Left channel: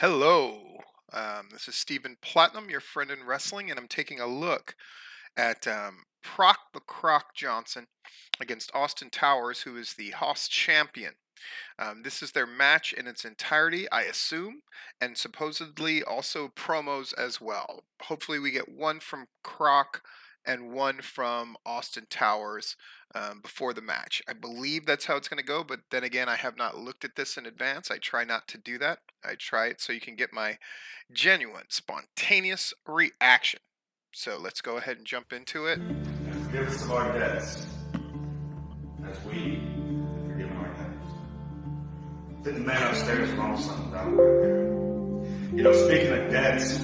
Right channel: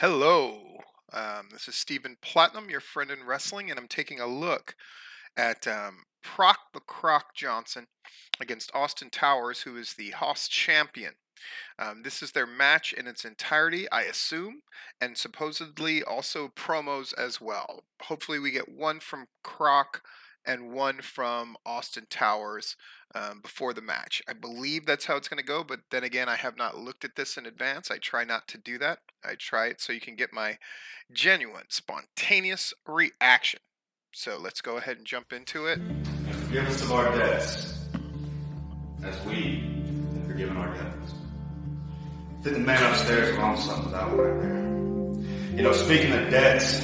Hello. This is Stephen Platinum, your friend in wrestling, and I'm taking a look at Proc the Croc Johnson against Austin Towers, who is the Haas champion. This is their match in its entirety, I assume, and supposedly also promos as well. Hopefully, we get one from Croc and one from Austin Towers before the match. I believe that's how it's going to go, but then again, I have not looked at this in advance. I try not to do that. I try it so you can get my genuine, spontaneous reaction. So let's go ahead and jump into it. Forgive us of our debts, as we have forgiven our debtors. Didn't the man upstairs wrong something about right there? You know, speaking of debts,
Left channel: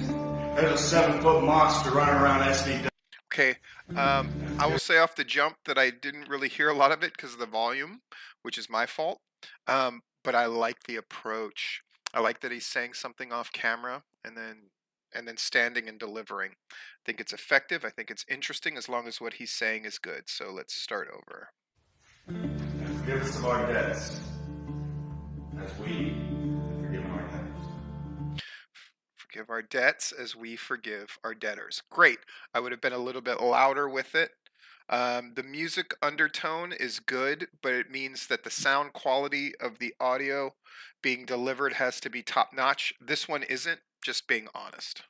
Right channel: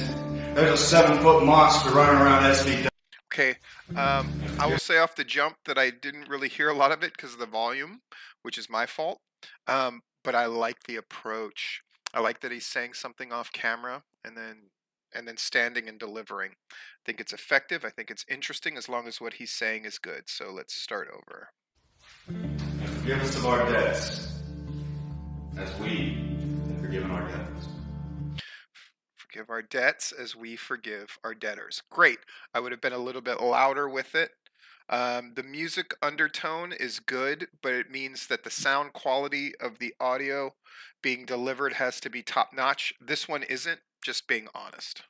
there's a 7-foot monster running around SVW. Okay, I will say off the jump that I didn't really hear a lot of it because of the volume, which is my fault. But I like the approach. I like that he's saying something off camera and then standing and delivering. I think it's effective. I think it's interesting as long as what he's saying is good. So let's start over. Forgive us of our debts, as we have forgiven our debtors. Forgive our debts as we forgive our debtors. Great. I would have been a little bit louder with it. The music undertone is good, but it means that the sound quality of the audio being delivered has to be top notch. This one isn't, just being honest.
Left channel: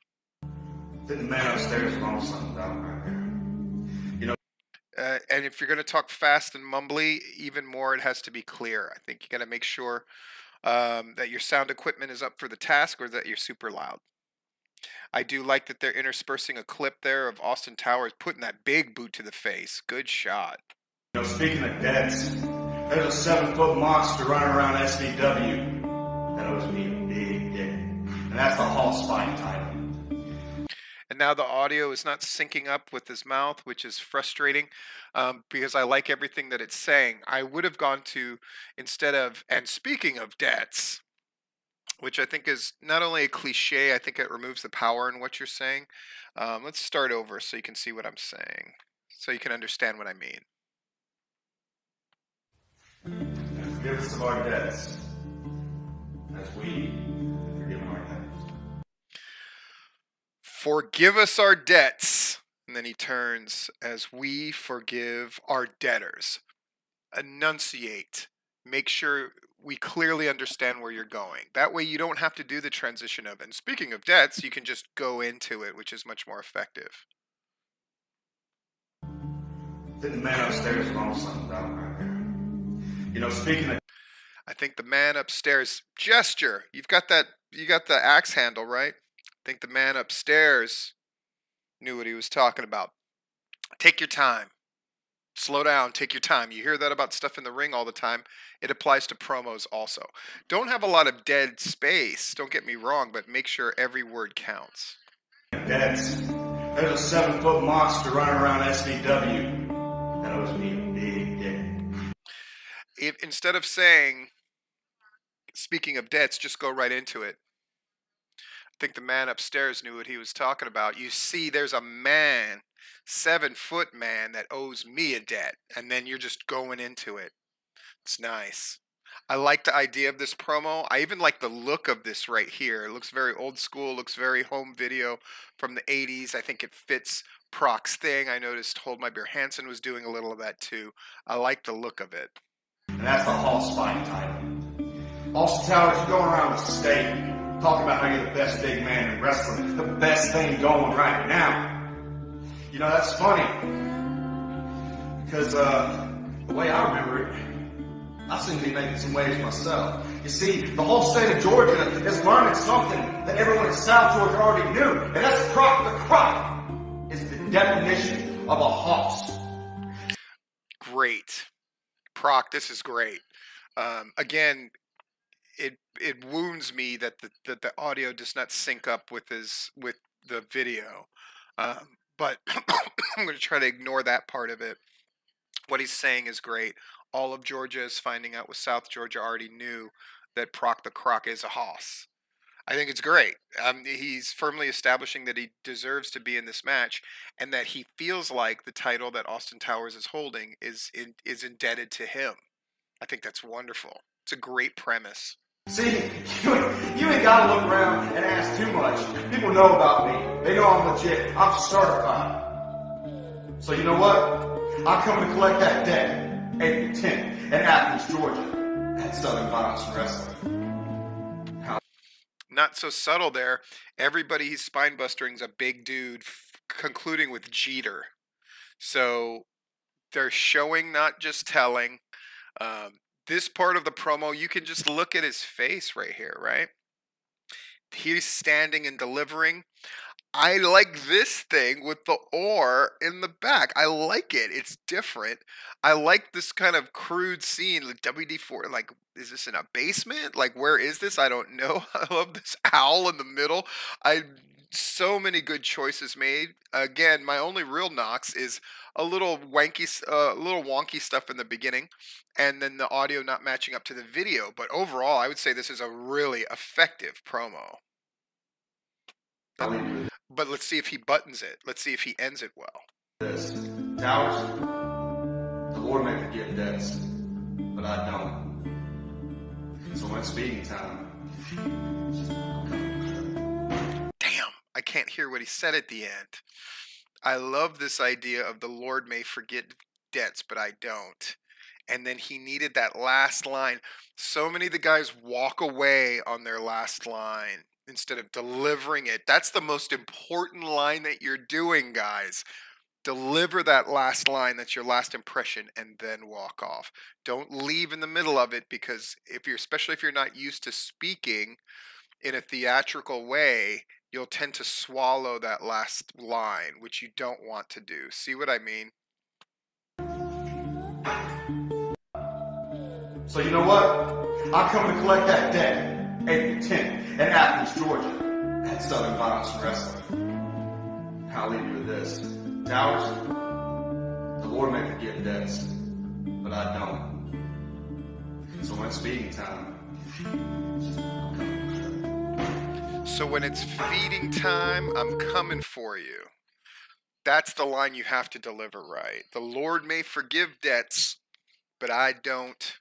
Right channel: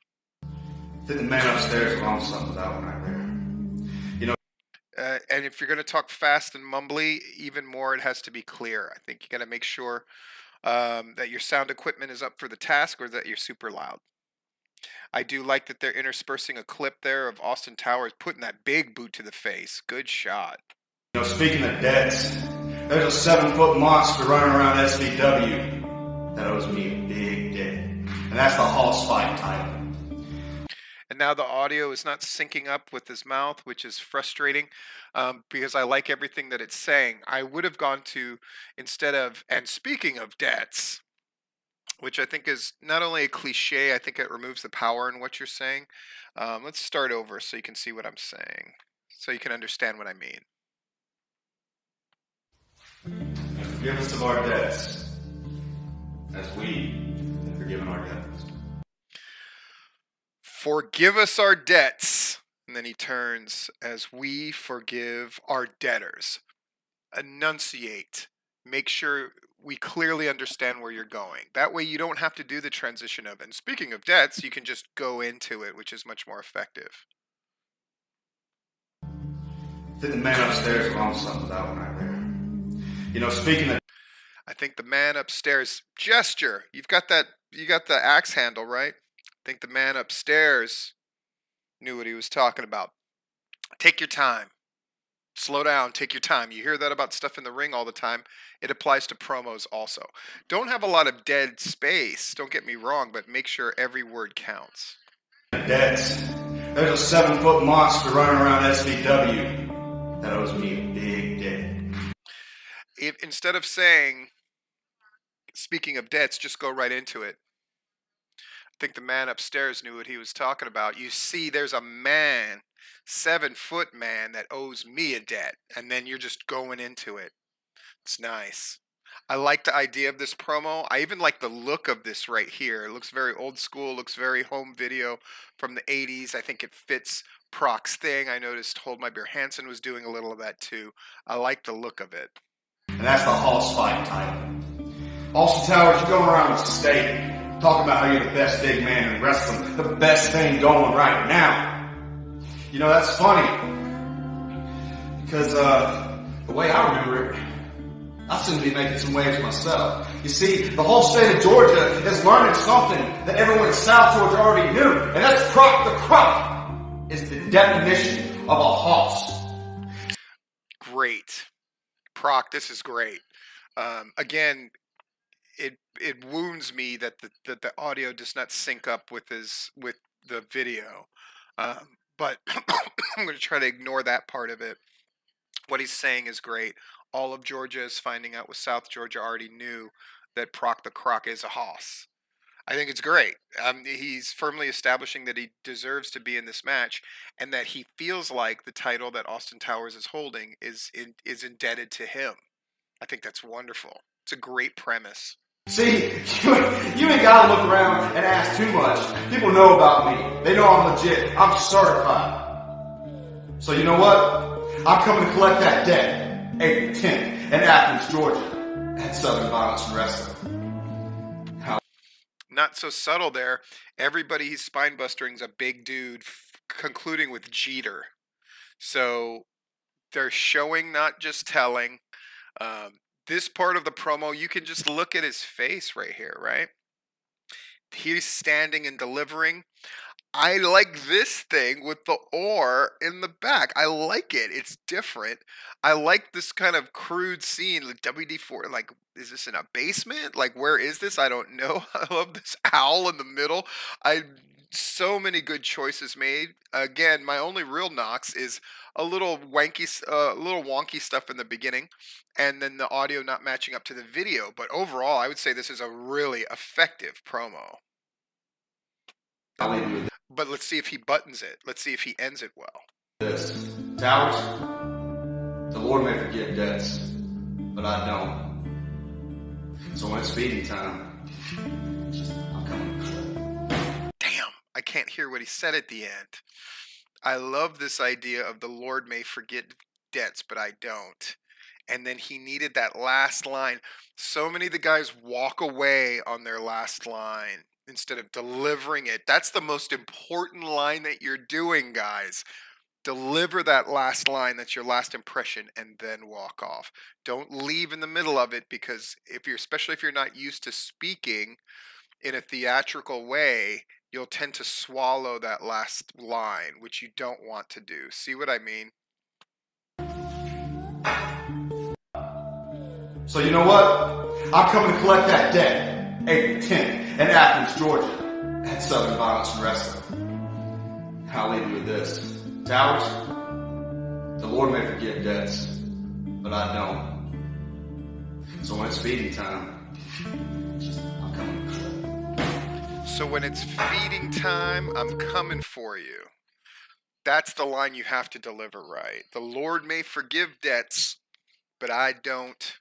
Didn't the man upstairs wrong something about right there? You know, And if you're going to talk fast and mumbly, even more, it has to be clear. I think you got to make sure that your sound equipment is up for the task or that you're super loud. I do like that they're interspersing a clip there of Austin Towers putting that big boot to the face. Good shot. speaking of debts, there's a 7-foot monster running around SVW that owes me a big debt. And that's the Hoss fight title. And now the audio is not syncing up with his mouth, which is frustrating because I like everything that it's saying. I would have gone to, instead of, and speaking of debts, which I think is not only a cliche, I think it removes the power in what you're saying. Let's start over so you can see what I'm saying, so you can understand what I mean. Forgive us of our debts, as we have forgiven our debtors. Forgive us our debts. And then he turns, as we forgive our debtors. Enunciate. Make sure we clearly understand where you're going. That way you don't have to do the transition of, and speaking of debts, you can just go into it, which is much more effective. Didn't the man upstairs wrong something about right there? You know, speaking of, I think the man upstairs gesture. You got the axe handle, right? I think the man upstairs knew what he was talking about. Take your time. Slow down, take your time. You hear that about stuff in the ring all the time. It applies to promos also. Don't have a lot of dead space, don't get me wrong, but make sure every word counts. debts, there's a 7-foot monster running around SVW that owes me a big debt. If instead of saying, speaking of debts, just go right into it. I think the man upstairs knew what he was talking about. You see, there's a man, 7-foot man, that owes me a debt, and then you're just going into it. It's nice. I like the idea of this promo. I even like the look of this right here. It looks very old school, looks very home video from the 80s. I think it fits Proc's thing. I noticed Hold My Beer Hansen was doing a little of that too. I like the look of it. And that's the Hoss fight title. Austin Towers, you're going around the state talking about how you're the best big man in wrestling, the best thing going right now. You know, that's funny. Because the way I remember it, I seem to be making some waves myself. You see, the whole state of Georgia is learning something that everyone in South Georgia already knew, and that's Proc the Croc is the definition of a hoss. Great. Proc, this is great. Again, it wounds me that the audio does not sync up with the video, but I'm going to try to ignore that part of it. What he's saying is great. All of Georgia is finding out what South Georgia already knew, that Proc the Croc is a hoss. I think it's great. He's firmly establishing that he deserves to be in this match, and that he feels like the title that Austin Towers is holding is indebted to him. I think that's wonderful. It's a great premise. See, You ain't gotta look around and ask too much. People know about me. They know I'm legit. I'm certified. So you know what? I'm coming to collect that debt. April 10th in Athens, Georgia, at Southern Violence and Wrestling. How? Not so subtle there. Everybody he's spine bustering is a big dude, concluding with Jeter. So they're showing, not just telling. This part of the promo, you can just look at his face right here, right? He's standing and delivering. I like this thing with the oar in the back. I like it. It's different. I like this kind of crude scene, like WD-4. Like, is this in a basement? Like, where is this? I don't know. I love this owl in the middle. So many good choices made. Again, my only real knocks is a little wonky stuff in the beginning, and then the audio not matching up to the video. But overall, I would say this is a really effective promo. I'll leave you with But let's see if he buttons it. Let's see if he ends it well. this. Towers, the Lord may forgive debts, but I don't. So when it's feeding time, I'm coming. Damn, I can't hear what he said at the end. I love this idea of the Lord may forget debts, but I don't. And then he needed that last line. So many of the guys walk away on their last line instead of delivering it. That's the most important line that you're doing, guys. Deliver that last line, that's your last impression, and then walk off. Don't leave in the middle of it, because especially if you're not used to speaking in a theatrical way, you'll tend to swallow that last line, which you don't want to do. See what I mean? So you know what? I'm coming to collect that debt. April 10th in Athens, Georgia, at Southern Violence and Wrestling. I'll leave you with this. Towers, the Lord may forgive debts, but I don't. So when it's feeding time, I'm coming. So when it's feeding time, I'm coming for you. That's the line you have to deliver right. The Lord may forgive debts, but I don't.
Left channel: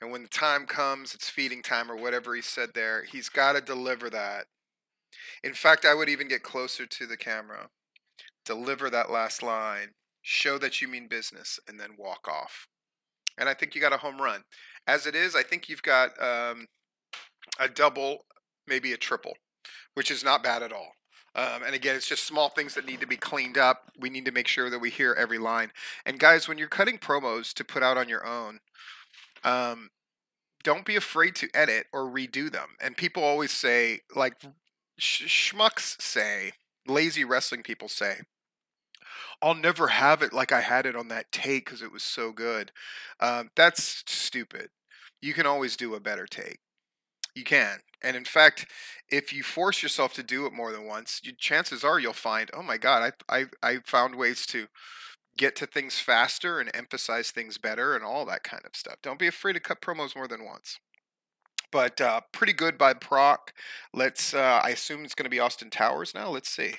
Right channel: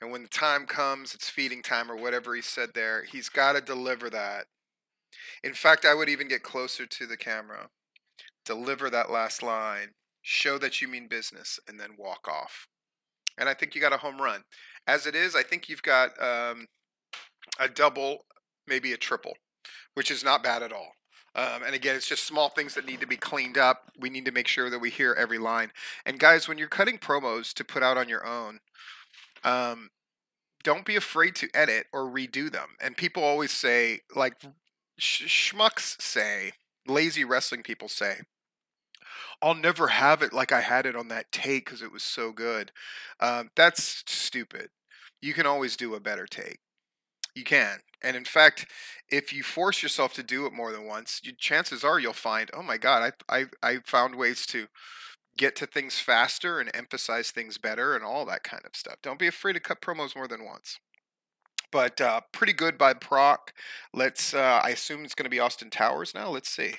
And when the time comes, it's feeding time or whatever he said there. He's got to deliver that. In fact, I would even get closer to the camera. Deliver that last line. Show that you mean business, and then walk off. And I think you got a home run. As it is, I think you've got a double, maybe a triple, which is not bad at all. And again, it's just small things that need to be cleaned up. We need to make sure that we hear every line. And guys, when you're cutting promos to put out on your own, don't be afraid to edit or redo them. And people always say, like schmucks say, lazy wrestling people say, I'll never have it like I had it on that take because it was so good. That's stupid. You can always do a better take. You can. And in fact, if you force yourself to do it more than once, chances are you'll find, oh my God, I found ways to get to things faster and emphasize things better and all that kind of stuff. Don't be afraid to cut promos more than once. But pretty good by Proc. Let's, I assume it's going to be Austin Towers now. Let's see.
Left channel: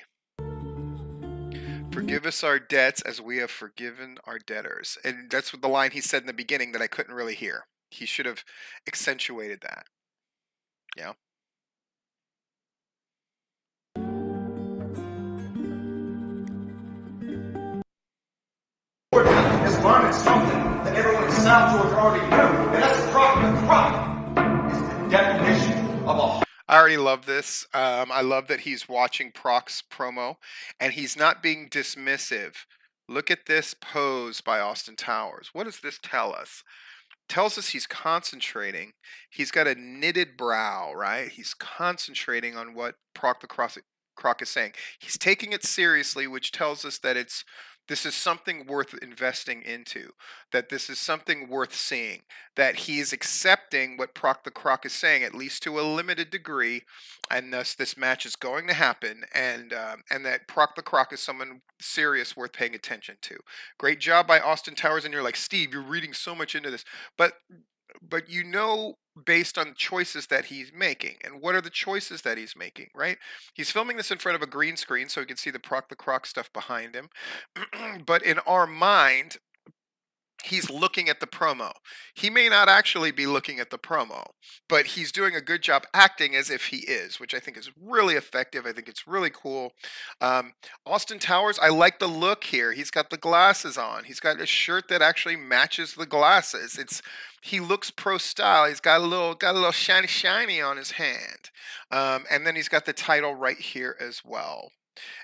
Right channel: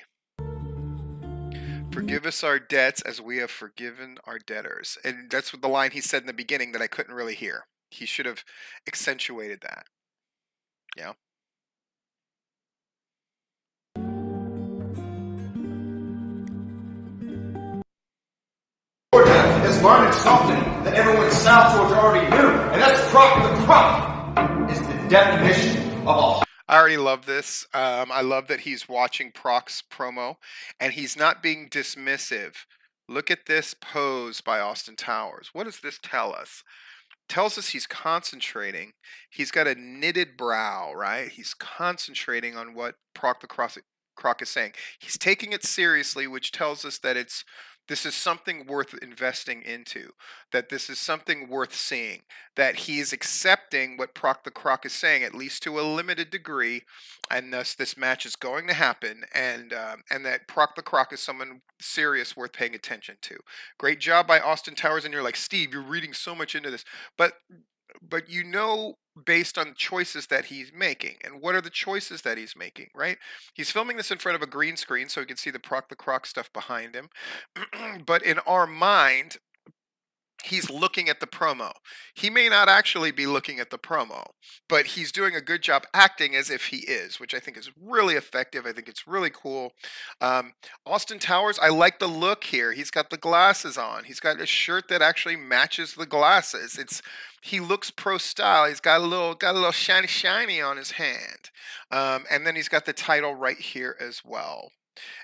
Forgive us our debts as we have forgiven our debtors. And that's what the line he said in the beginning that I couldn't really hear. He should have accentuated that. Yeah. Georgia is learning something that everyone in South Georgia already knew, and that's Proc the Croc is the definition of a. I already love this. I love that he's watching Proc's promo, and he's not being dismissive. Look at this pose by Austin Towers. What does this tell us? Tells us he's concentrating. He's got a knitted brow, right? He's concentrating on what Proc the Croc is saying. He's taking it seriously, which tells us that this is something worth investing into, that this is something worth seeing, that he is accepting what Proc the Croc is saying, at least to a limited degree, and thus this match is going to happen, and that Proc the Croc is someone serious worth paying attention to. Great job by Austin Towers, and you're like, Steve, you're reading so much into this, but you know, based on choices that he's making. And what are the choices that he's making, right? He's filming this in front of a green screen so he can see the Proc the Croc stuff behind him. But in our mind, he's looking at the promo. He may not actually be looking at the promo, but he's doing a good job acting as if he is, which I think is really effective. I think it's really cool. Austin Towers, I like the look here. He's got the glasses on. He's got a shirt that actually matches the glasses. He looks pro style. He's got a little shiny on his hand, and then he's got the title right here as well.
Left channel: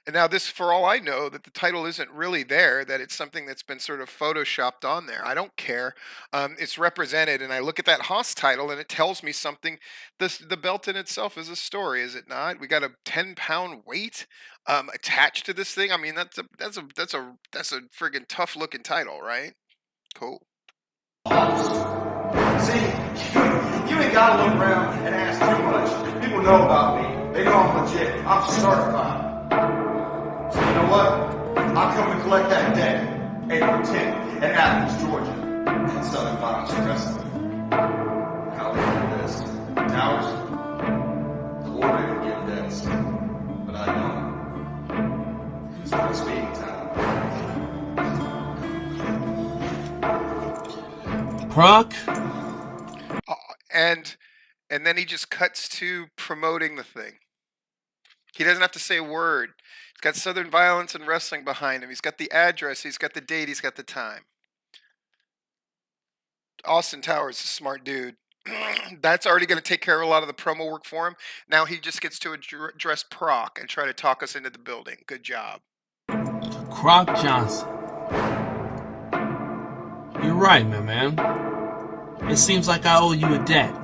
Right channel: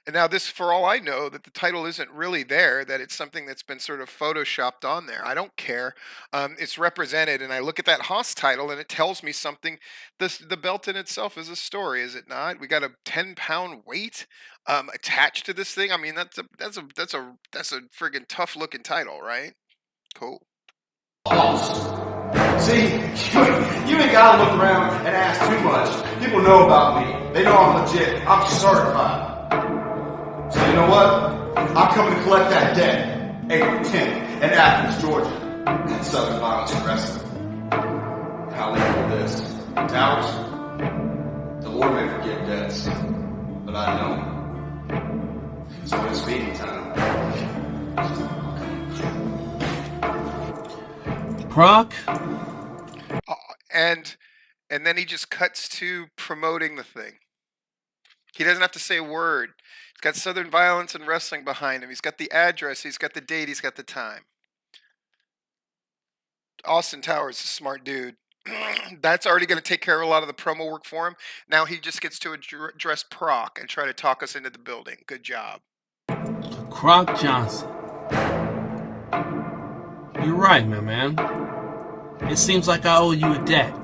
And now this, for all I know, that the title isn't really there, that it's something that's been sort of photoshopped on there. I don't care. It's represented, and I look at that Haas title, and it tells me something. The belt in itself is a story, is it not? We got a 10-pound weight attached to this thing. I mean, that's a friggin' tough looking title, right? Cool. See, you ain't gotta look around and ask too much. People know about me. They know I'm legit. I'm certified. So you know what? I'm coming to collect that debt. April 10th in Athens, Georgia, at Southern Violence and Wrestling. I'll leave you with this. Towers, the Lord may forgive debts, but I don't. So when it's meeting time, Proc. And then he just cuts to promoting the thing. He doesn't have to say a word. He's got Southern Violence and Wrestling behind him. He's got the address. He's got the date. He's got the time. Austin Towers is a smart dude. That's already going to take care of a lot of the promo work for him. Now he just gets to address Proc and try to talk us into the building. Good job. Croc Johnson. You're right, my man. It seems like I owe you a debt.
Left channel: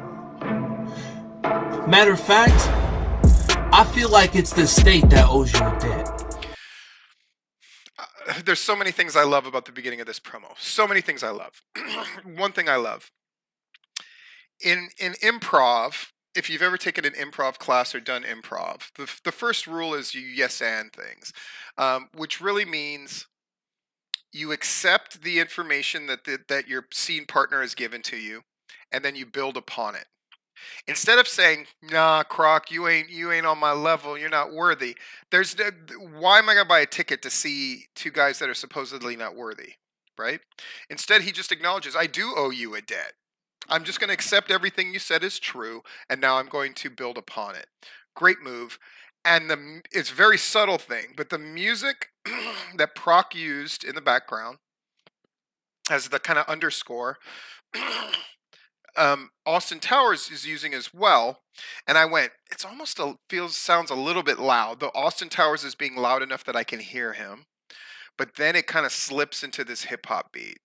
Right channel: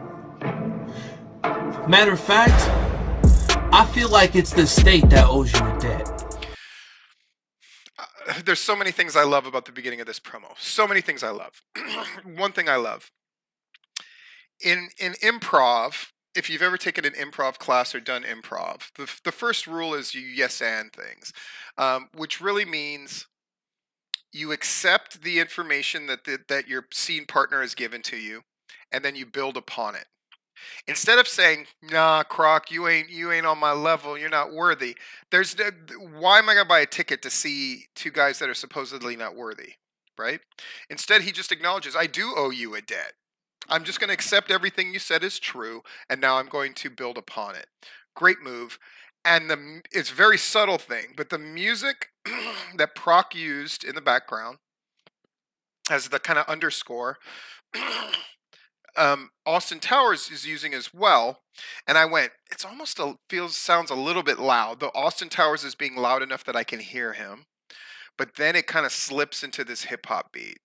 Matter of fact, I feel like it's the state that owes you a debt. There's so many things I love about the beginning of this promo. So many things I love. One thing I love. In improv, if you've ever taken an improv class or done improv, the first rule is you yes and things, which really means you accept the information that your scene partner has given to you, and then you build upon it. Instead of saying, "Nah, Croc, you ain't on my level. You're not worthy." Why am I gonna buy a ticket to see two guys that are supposedly not worthy, right? Instead, he just acknowledges, "I do owe you a debt. I'm just gonna accept everything you said is true, and now I'm going to build upon it." Great move. And it's a very subtle thing, but the music that Proc used in the background as the kind of underscore, Austin Towers is using as well. And I went, it's almost sounds a little bit loud, though Austin Towers is being loud enough that I can hear him. But then it kind of slips into this hip hop beat.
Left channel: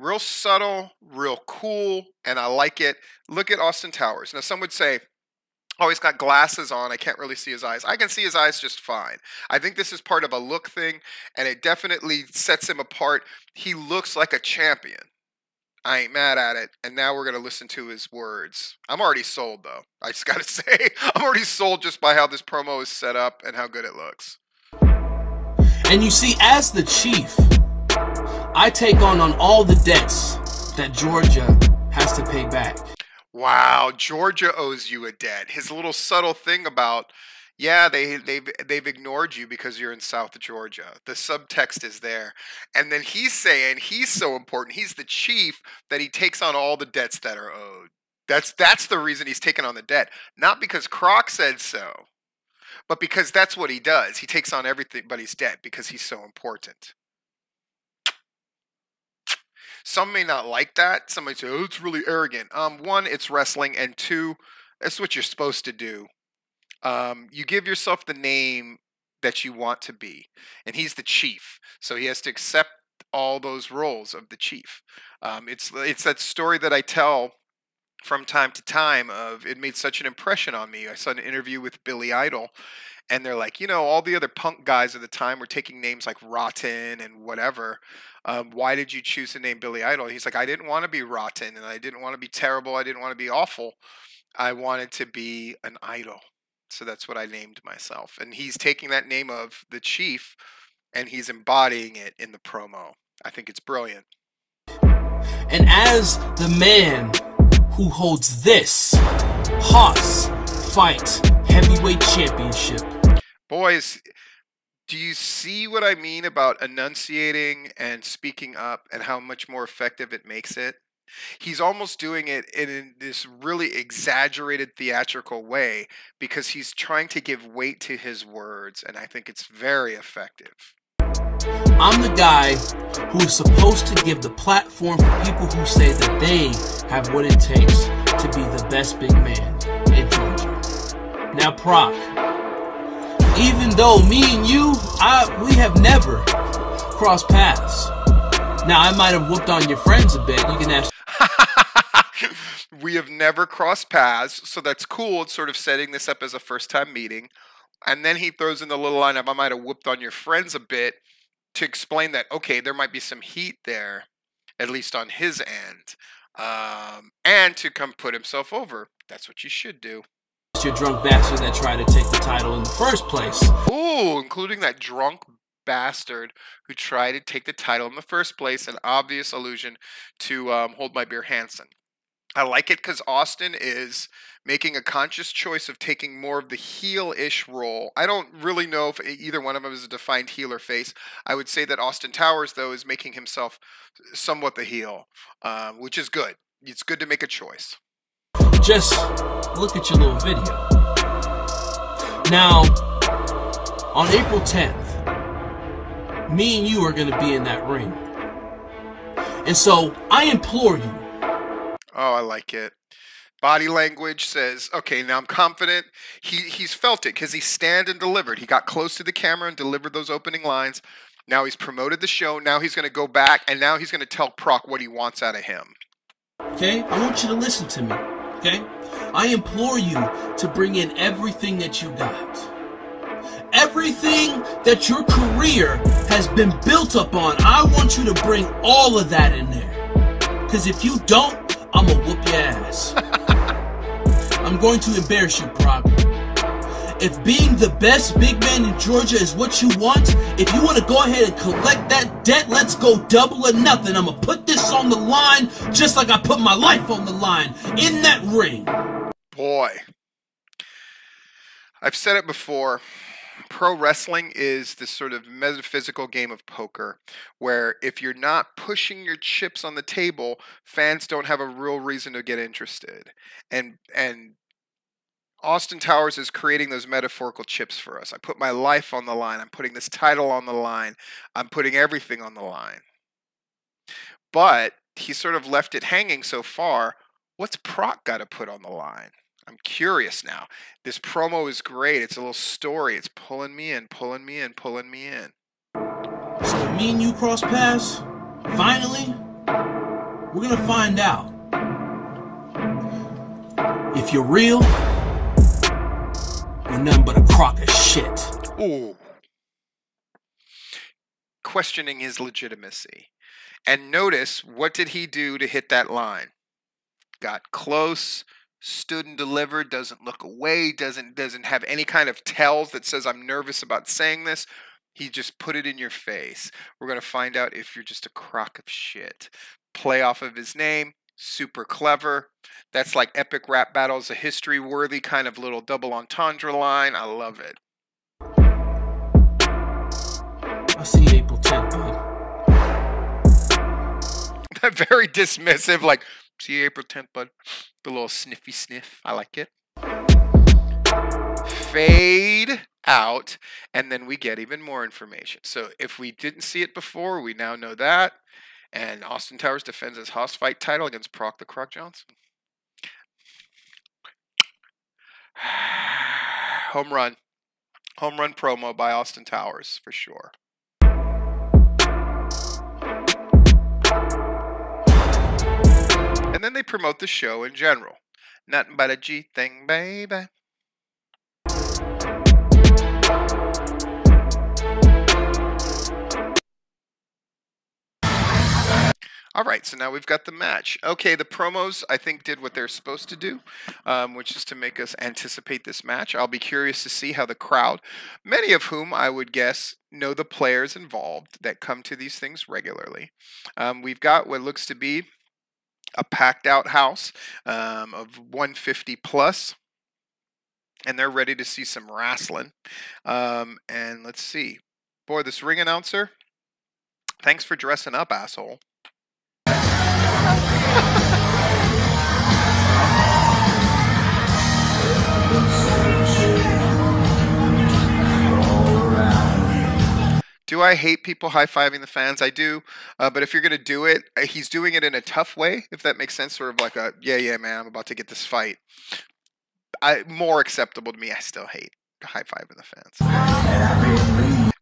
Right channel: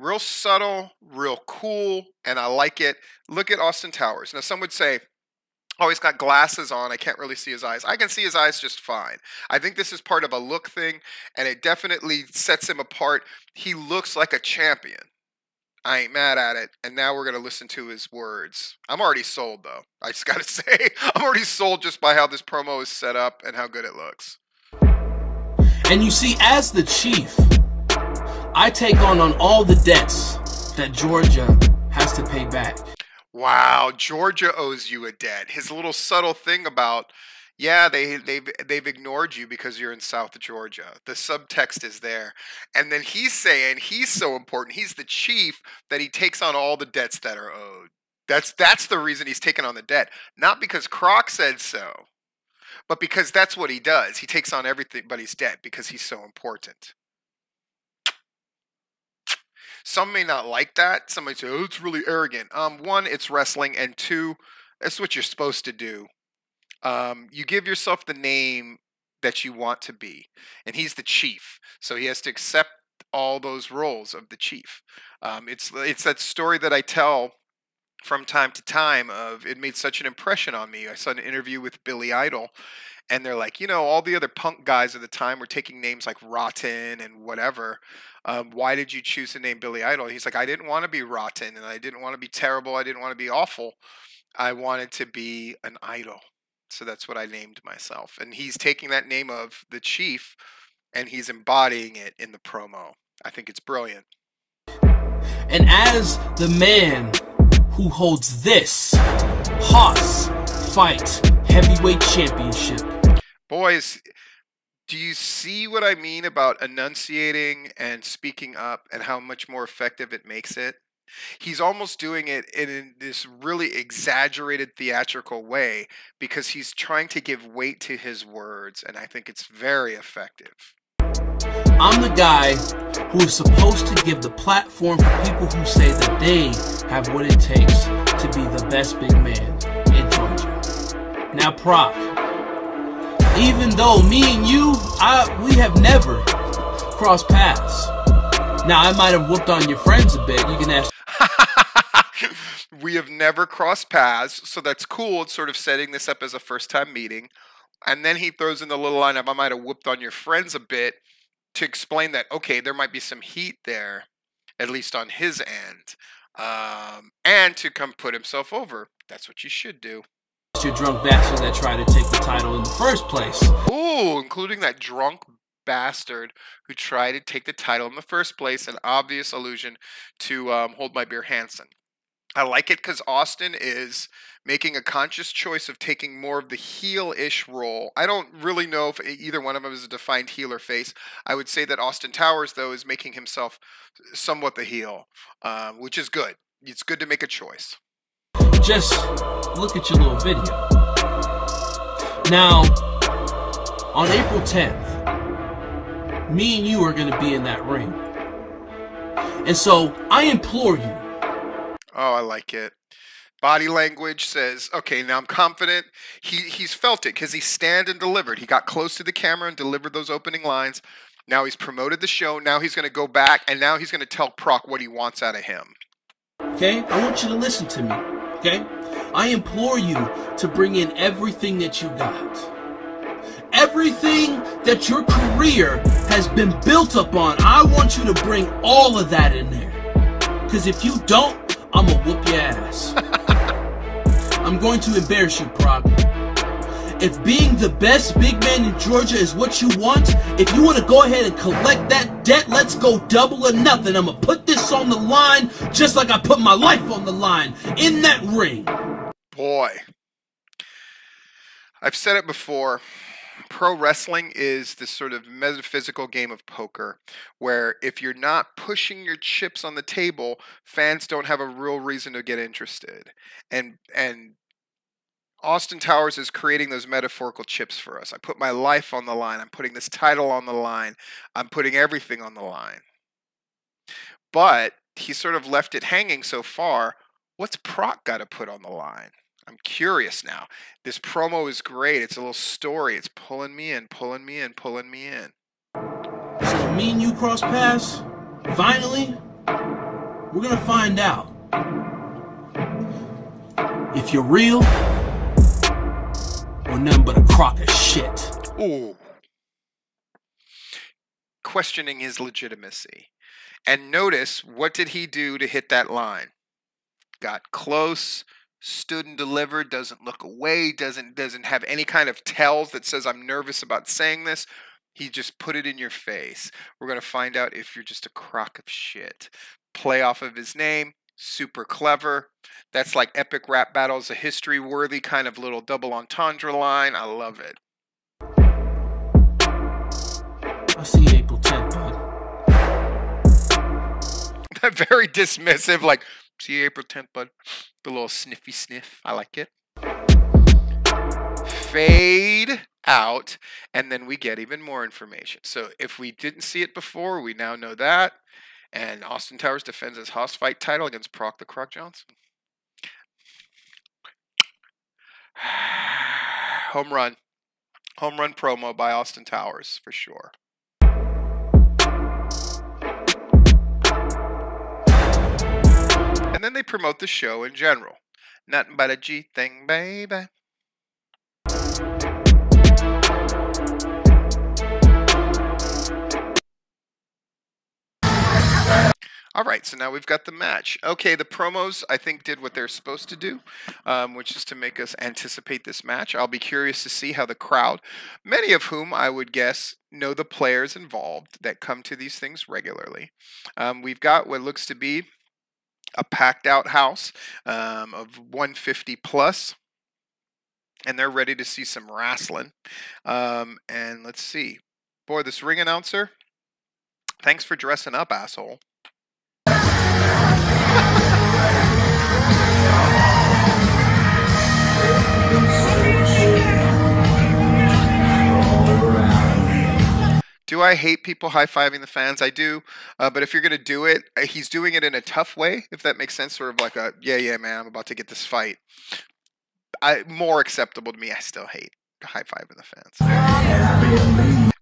Real subtle, real cool, and I like it. Look at Austin Towers. Now, some would say, "Oh, he's got glasses on. I can't really see his eyes." I can see his eyes just fine. I think this is part of a look thing, and it definitely sets him apart. He looks like a champion. I ain't mad at it. And now we're going to listen to his words. I'm already sold, though. I just got to say, I'm already sold just by how this promo is set up and how good it looks. And you see, as the chief, I take on all the debts that Georgia has to pay back. Wow, Georgia owes you a debt. His little subtle thing about, yeah, they've ignored you because you're in South Georgia. The subtext is there. And then he's saying he's so important, he's the chief, that he takes on all the debts that are owed. That's the reason he's taking on the debt. Not because Croc said so, but because that's what he does. He takes on everybody's debt because he's so important. Some may not like that. Some might say, "Oh, it's really arrogant." One, it's wrestling, and two, that's what you're supposed to do. You give yourself the name that you want to be, and he's the chief, so he has to accept all those roles of the chief. It's that story that I tell from time to time of, it made such an impression on me. I saw an interview with Billy Idol, and they're like, all the other punk guys at the time were taking names like Rotten and whatever. Why did you choose the name Billy Idol? He's like, I didn't want to be rotten, and I didn't want to be terrible. I didn't want to be awful. I wanted to be an idol. So that's what I named myself. And he's taking that name of the chief, and he's embodying it in the promo. I think it's brilliant. And as the man who holds this Haas Fight Heavyweight Championship, boys, Do you see what I mean about enunciating and speaking up and how much more effective it makes it? He's almost doing it in this really exaggerated theatrical way because he's trying to give weight to his words, and I think it's very effective. I'm the guy who is supposed to give the platform for people who say that they have what it takes to be the best big man in Georgia. Now, Proc, even though me and you, we have never crossed paths. Now, I might have whooped on your friends a bit. You can ask. We have never crossed paths, so that's cool. It's sort of setting this up as a first-time meeting. And then he throws in the little line of, I might have whooped on your friends a bit, to explain that, okay, there might be some heat there, at least on his end, and to come put himself over. That's what you should do. Your drunk bastard that tried to take the title in the first place. Ooh, including that drunk bastard who tried to take the title in the first place, an obvious allusion to Hold My Beer Hansen. I like it because Austin is making a conscious choice of taking more of the heel-ish role. I don't really know if either one of them is a defined heel or face. I would say that Austin Towers, though, is making himself somewhat the heel, which is good. It's good to make a choice. Just look at your little video. Now, on April 10th, me and you are going to be in that ring. And so, I implore you. Oh, I like it. Body language says, okay, now I'm confident. He's felt it because he stand and delivered. He got close to the camera and delivered those opening lines. Now he's promoted the show. Now he's going to go back, and now he's going to tell Proc what he wants out of him. Okay? I want you to listen to me. Okay? I implore you to bring in everything that you got. Everything that your career has been built upon. I want you to bring all of that in there. Because if you don't, I'm gonna whoop your ass. I'm going to embarrass you, Proc. If being the best big man in Georgia is what you want, if you want to go ahead and collect that debt, let's go double or nothing. I'm gonna put this on the line just like I put my life on the line in that ring. Boy. I've said it before. Pro wrestling is this sort of metaphysical game of poker where if you're not pushing your chips on the table, fans don't have a real reason to get interested. And Austin Towers is creating those metaphorical chips for us. I put my life on the line. I'm putting this title on the line. I'm putting everything on the line. But he sort of left it hanging so far. What's Proc got to put on the line? I'm curious now. This promo is great. It's a little story. It's pulling me in, pulling me in, pulling me in. So me and you cross paths, finally, we're going to find out if you're real or nothing but a crock of shit. Ooh. Questioning his legitimacy. And notice, what did he do to hit that line? Got close, stood and delivered, doesn't look away, doesn't have any kind of tells that says I'm nervous about saying this. He just put it in your face. We're going to find out if you're just a crock of shit. Play off of his name, super clever. That's like epic rap battles, a history-worthy kind of little double entendre line. I love it. I'll see you April 10th, bud. Very dismissive, like, see you April 10th, bud. The little sniffy sniff. I like it. Fade out, and then we get even more information. So if we didn't see it before, we now know that. And Austin Towers defends his Hoss fight title against Proc the Croc Johnson. Home run. Home run promo by Austin Towers, for sure. And then they promote the show in general. Nothing but a G thing, baby. All right, so now we've got the match. Okay, the promos, I think, did what they're supposed to do, which is to make us anticipate this match. I'll be curious to see how the crowd, many of whom I would guess know the players involved that come to these things regularly. We've got what looks to be a packed-out house of 150 plus, and they're ready to see some wrestling. And let's see. Boy, this ring announcer. Thanks for dressing up, asshole. Do I hate people high-fiving the fans? I do, but if you're going to do it, he's doing it in a tough way, if that makes sense, sort of like a, yeah, man, I'm about to get this fight. More acceptable to me. I still hate high-fiving the fans.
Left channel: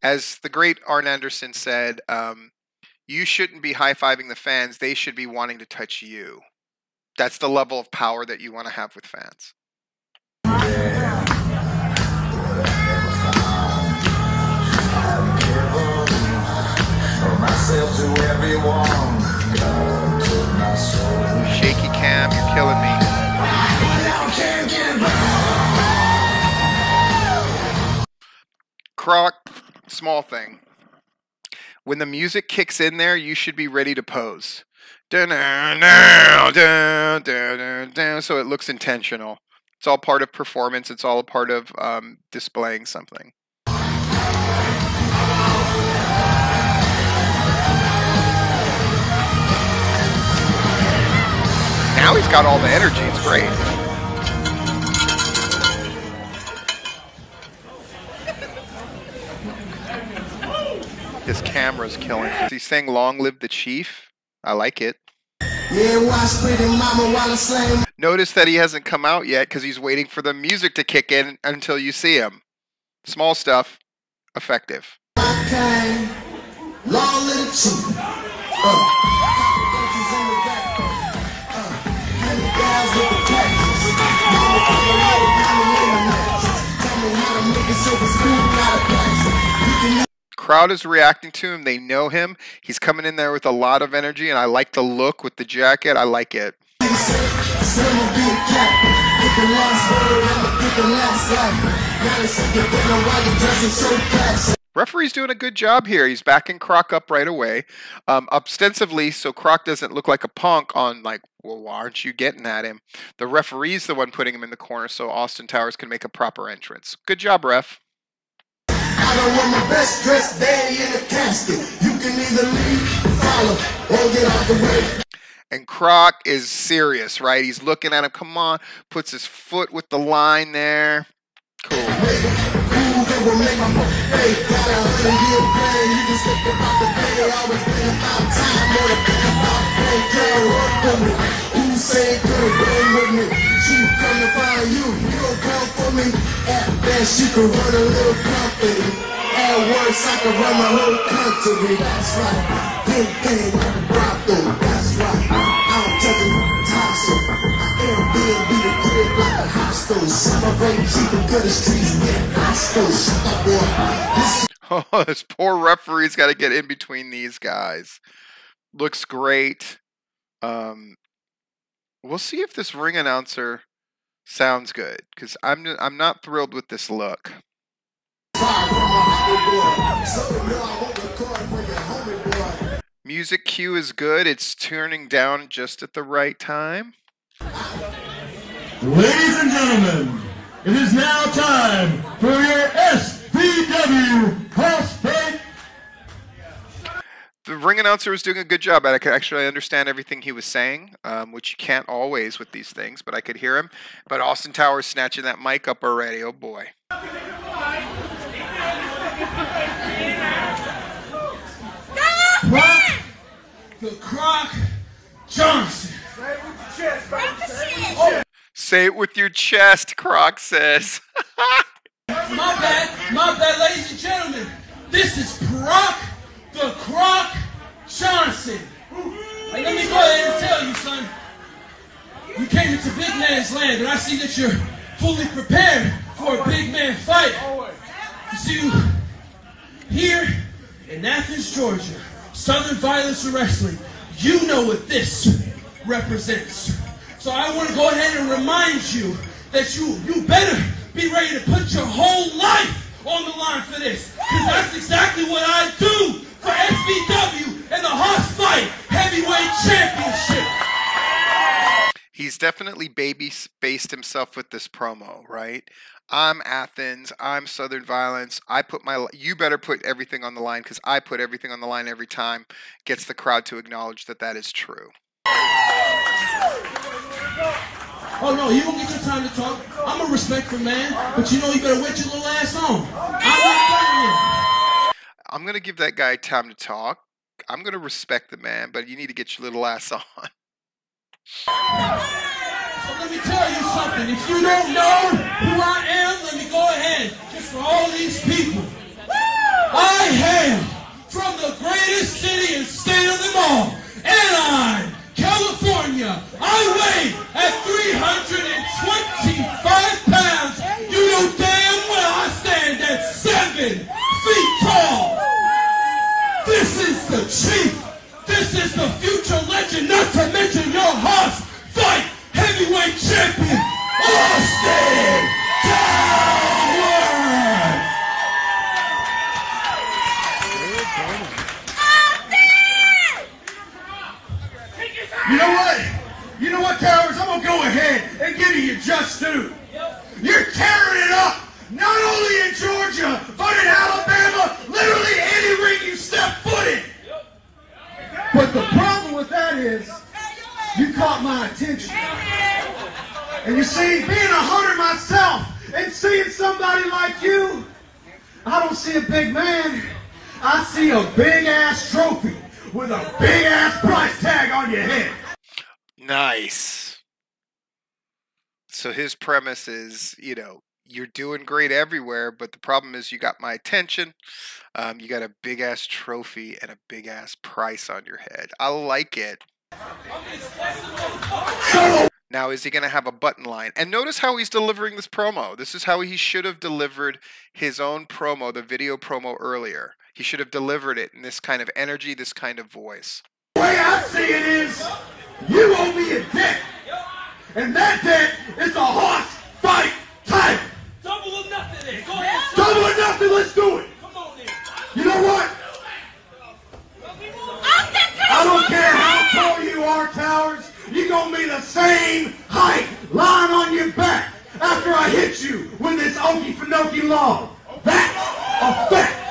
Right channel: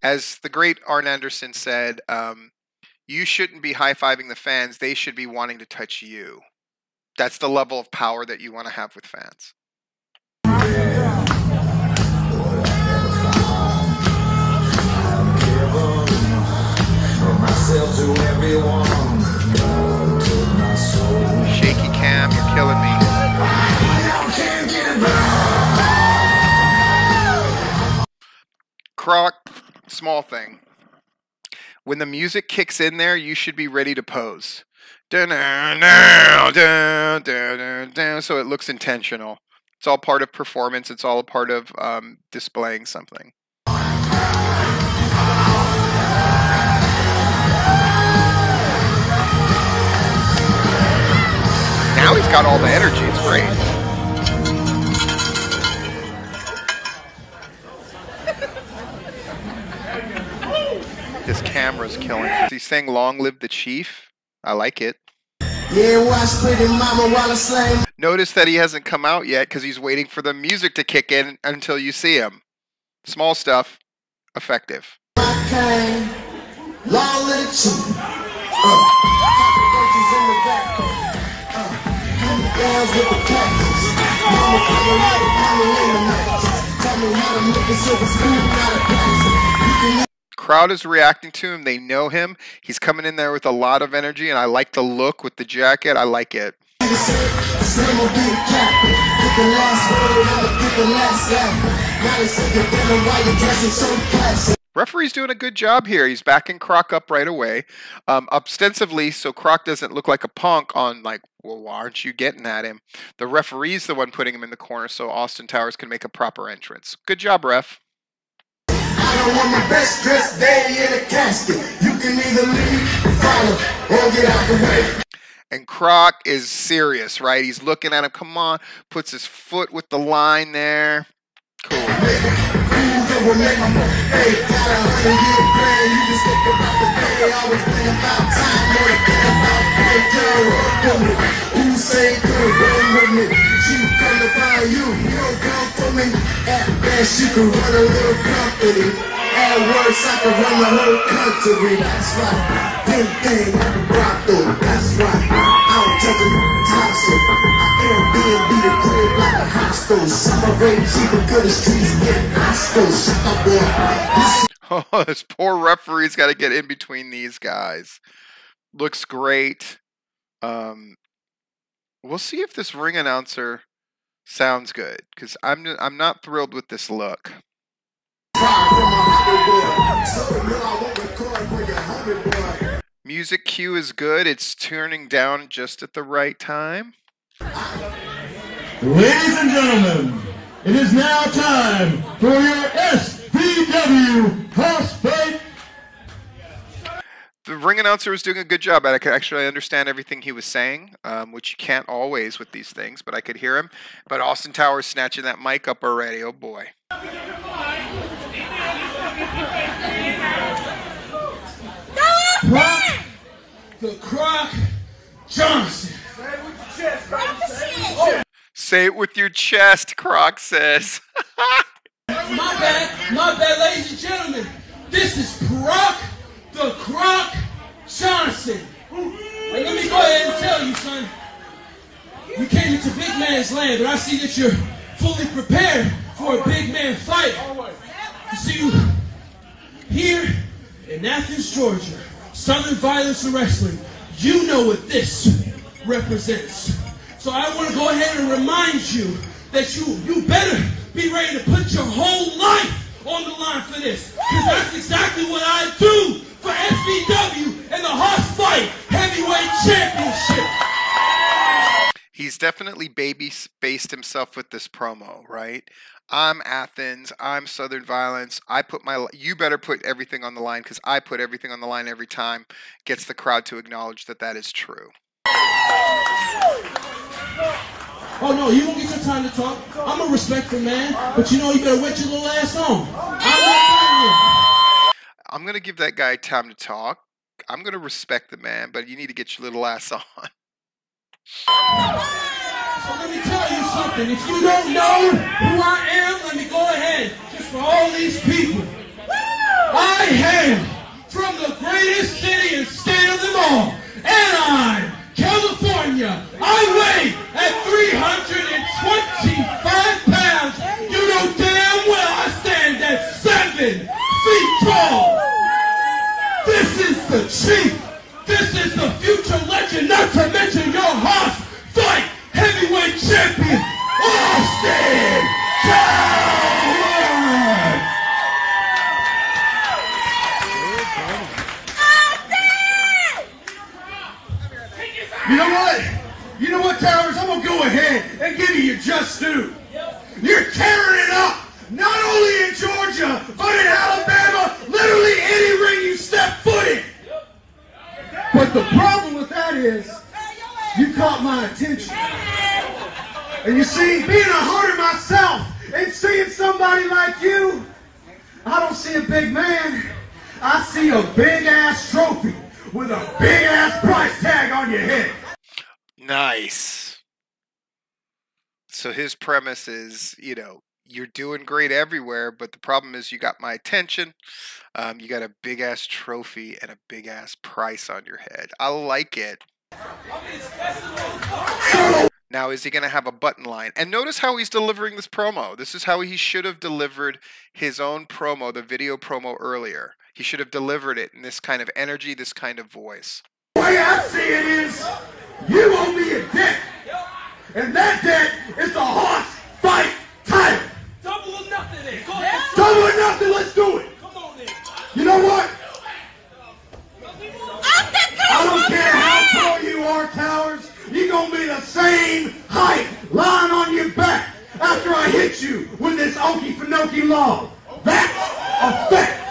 As the great Arn Anderson said, you shouldn't be high-fiving the fans. They should be wanting to touch you. That's the level of power that you want to have with fans. Shaky cam, you're killing me. Croc, small thing. When the music kicks in there, you should be ready to pose. So it looks intentional. It's all part of performance. It's all a part of displaying something. Now he's got all the energy. It's great. His camera's killing. He's saying "Long live the chief." I like it. Notice that he hasn't come out yet because he's waiting for the music to kick in until you see him. Small stuff, effective. Crowd is reacting to him. They know him. He's coming in there with a lot of energy, and I like the look with the jacket. I like it. Referee's doing a good job here. He's backing Croc up right away, ostensibly, so Croc doesn't look like a punk on like, well, why aren't you getting at him? The referee's the one putting him in the corner so Austin Towers can make a proper entrance. Good job, ref. The best dressed day in a casket. You can either leave or follow or get out the way. And Croc is serious, right? He's looking at him. Come on. Puts his foot with the line there. Cool. Oh, this poor referee's got to get in between these guys. Looks great. We'll see if this ring announcer sounds good, because I'm not thrilled with this look. Music cue is good. It's turning down just at the right time. Ladies and gentlemen, it is now time for your SVW horse fight. The ring announcer was doing a good job. I could actually understand everything he was saying, which you can't always with these things, but I could hear him. But Austin Towers snatching that mic up already. Oh, boy. Proc the Croc Johnson. Say it with your chest, Croc says. My bad, ladies and gentlemen. This is Proc the Croc Johnson. And let me go ahead and tell you, son. You came into big man's land, and I see that you're fully prepared for a big man fight. You see, here in Athens, Georgia, Southern Violence Wrestling, you know what this represents. So I want to go ahead and remind you that you better be ready to put your whole life on the line for this. Because that's exactly what I do for SVW and the Horse Fight Heavyweight Championship. He's definitely baby-faced himself with this promo, right? I'm Athens. I'm Southern Violence. You better put everything on the line because I put everything on the line every time. Gets the crowd to acknowledge that that is true. Oh no, you don't get your time to talk. I'm a respectful man, but you know you better wait your little ass on. I'm going to give that guy time to talk. I'm going to respect the man, but you need to get your little ass on. So let me tell you something. If you don't know who I am, let me go ahead. Just for all these people. I hail from the greatest city and state of them all, Anaheim, California. I weigh at 325 pounds. You know damn well I stand at 7 feet tall. This is the chief. This is the future legend, not to mention your host fight heavyweight champion, Austin Towers. You know what, Towers? I'm going to go ahead and give you just due. You're tearing it up, not only in Georgia, but in Alabama, literally any ring you step foot in. But the problem with that is, you caught my attention. And you see, being a hunter myself and seeing somebody like you, I don't see a big man. I see a big-ass trophy with a big-ass price tag on your head. Nice. So his premise is, you're doing great everywhere, but the problem is you got my attention. You got a big-ass trophy and a big-ass price on your head. I like it. Now, is he going to have a button line? And notice how he's delivering this promo. This is how he should have delivered his own promo, the video promo earlier. He should have delivered it in this kind of energy, this kind of voice. The way I see it is, you owe me a debt. And that debt is a horse fight time. Double or nothing then. Go ahead. Double or nothing, let's do it. Come on then. You know what? I don't care how tall you are, Towers. You're going to be the same height lying on your back after I hit you with this Okie Finoki log. That's a fact.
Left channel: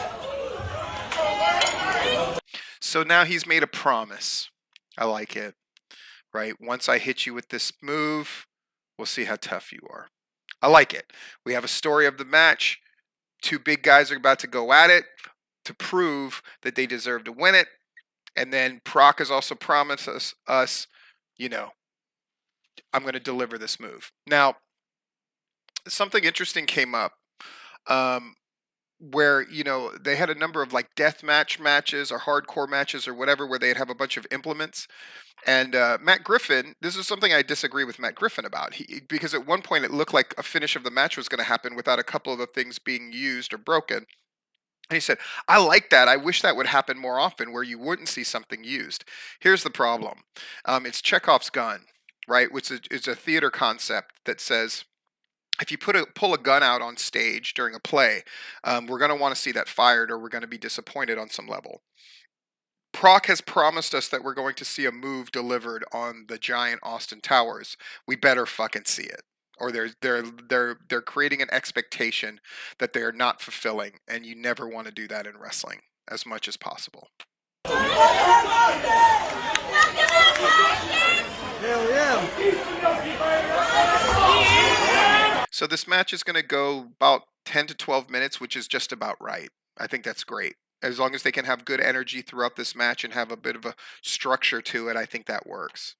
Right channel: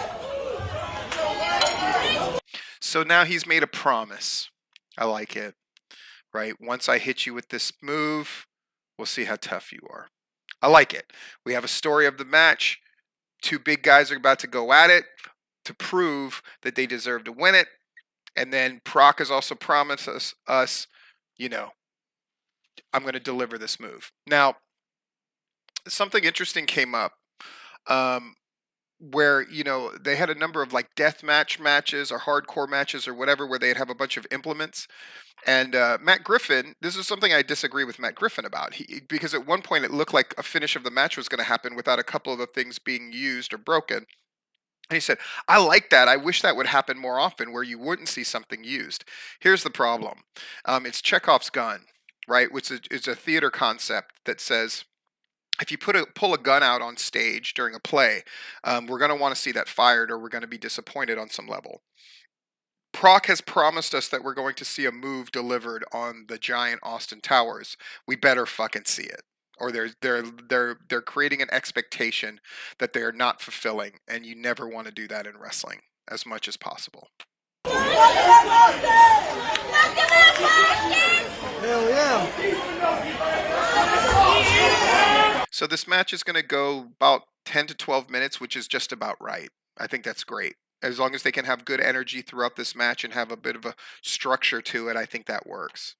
So now he's made a promise. I like it. Right? Once I hit you with this move, we'll see how tough you are. I like it. We have a story of the match. Two big guys are about to go at it to prove that they deserve to win it. And then Proc has also promised us, I'm going to deliver this move. Now, something interesting came up where, they had a number of like death matches or hardcore matches or whatever where they'd have a bunch of implements. And Matt Griffin, this is something I disagree with Matt Griffin about. Because at one point it looked like a finish of the match was going to happen without a couple of the things being used or broken. And he said, I like that. I wish that would happen more often where you wouldn't see something used. Here's the problem. It's Chekhov's gun, right? Which is a theater concept that says, if you pull a gun out on stage during a play, we're going to want to see that fired or we're going to be disappointed on some level. Proc has promised us that we're going to see a move delivered on the giant Austin Towers. We better fucking see it. Or they're creating an expectation that they are not fulfilling, and you never want to do that in wrestling as much as possible. Hell yeah. So this match is going to go about 10 to 12 minutes, which is just about right. I think that's great. As long as they can have good energy throughout this match and have a bit of a structure to it, I think that works.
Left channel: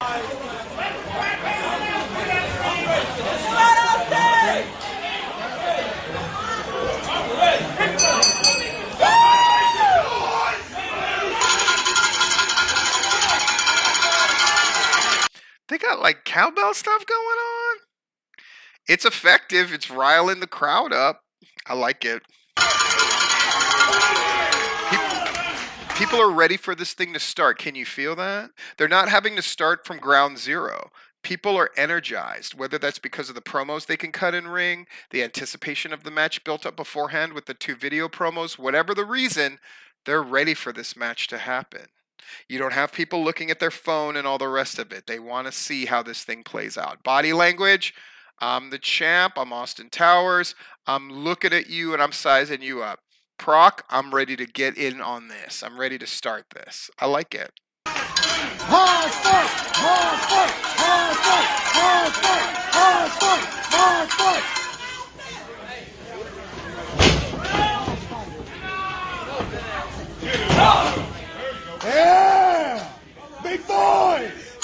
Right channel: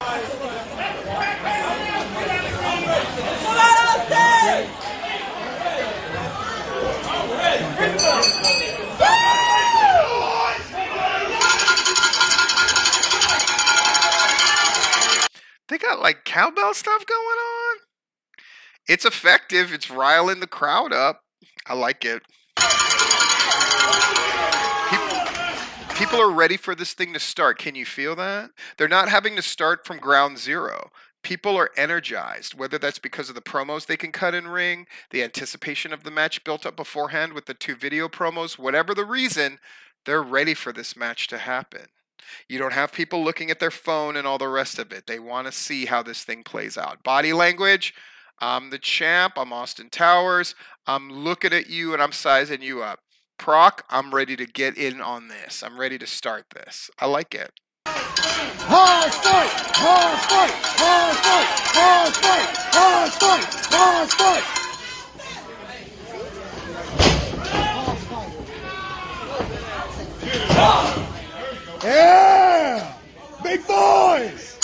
They got like cowbell stuff going on. It's effective. It's riling the crowd up. I like it. People are ready for this thing to start. Can you feel that? They're not having to start from ground zero. People are energized, whether that's because of the promos they can cut in ring, the anticipation of the match built up beforehand with the two video promos, whatever the reason, they're ready for this match to happen. You don't have people looking at their phone and all the rest of it. They want to see how this thing plays out. Body language, I'm the champ. I'm Austin Towers. I'm looking at you and I'm sizing you up. Proc, I'm ready to get in on this. I'm ready to start this. I like it. Hard fight! Hard fight! Hard fight! Hard fight! Hard fight! Hard fight! Yeah! Big boys!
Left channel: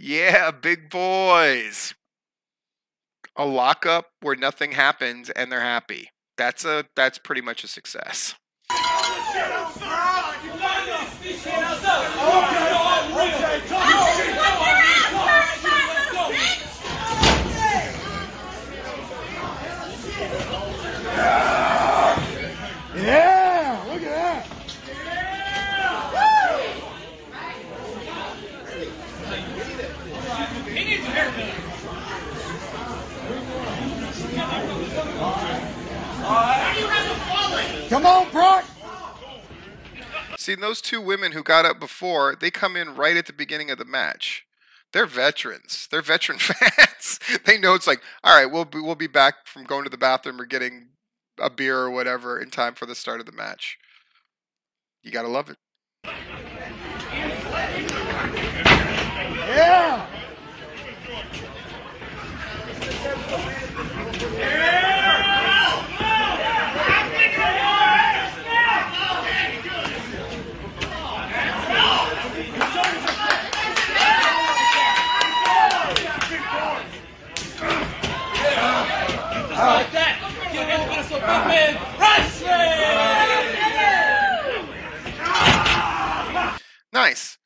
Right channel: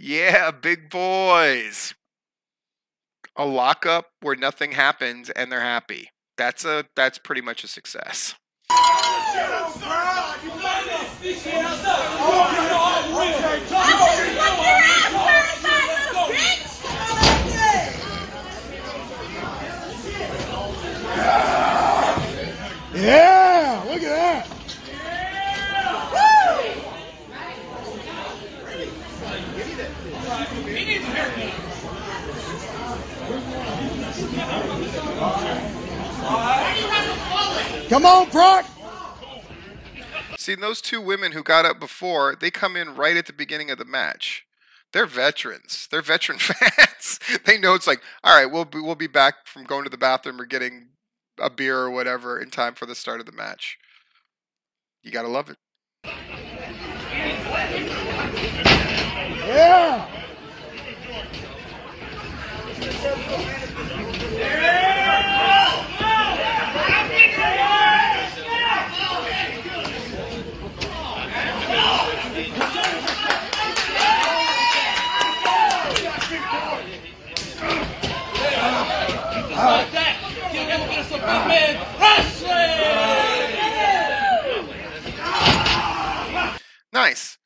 Yeah, big boys. A lockup where nothing happens and they're happy. That's pretty much a success. Yeah! Look at that! He needs a haircut. Come on, Proc! See, those two women who got up before, they come in right at the beginning of the match. They're veterans. They're veteran fans. They know it's like, all right, we'll be back from going to the bathroom or getting a beer or whatever in time for the start of the match. You gotta love it. Yeah! Like that. Get a little bit of some big man wrestling. Nice.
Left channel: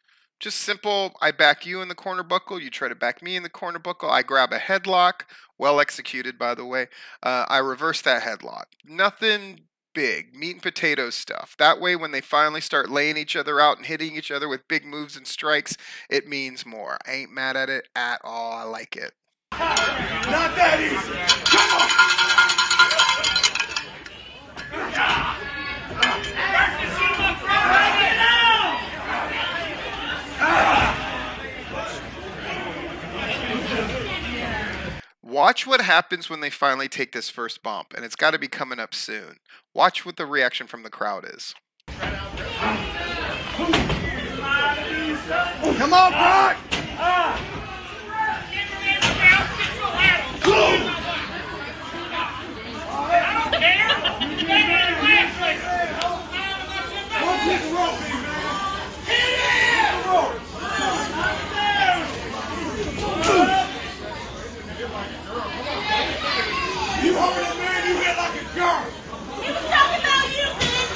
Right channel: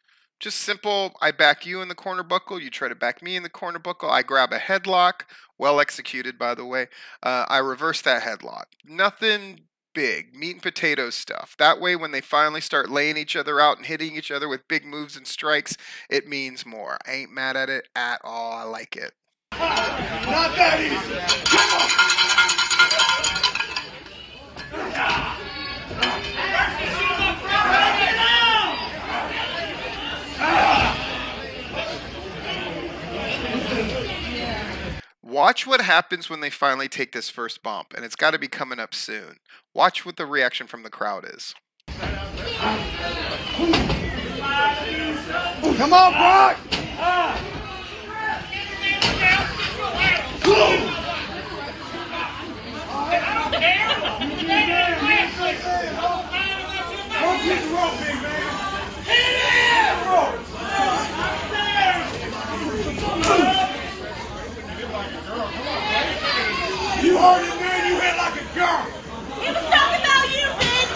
Just simple, I back you in the corner buckle, you try to back me in the corner buckle, I grab a headlock, well executed by the way, I reverse that headlock. Nothing big, meat and potatoes stuff. That way when they finally start laying each other out and hitting each other with big moves and strikes, it means more. I ain't mad at it at all, I like it. Not that easy! Come on! Watch what happens when they finally take this first bump, and it's got to be coming up soon. Watch what the reaction from the crowd is. Come on, Proc! Don't hit the rope, big man! Hit it! You heard it, man. You hit like a girl. It's talking about you, bitch.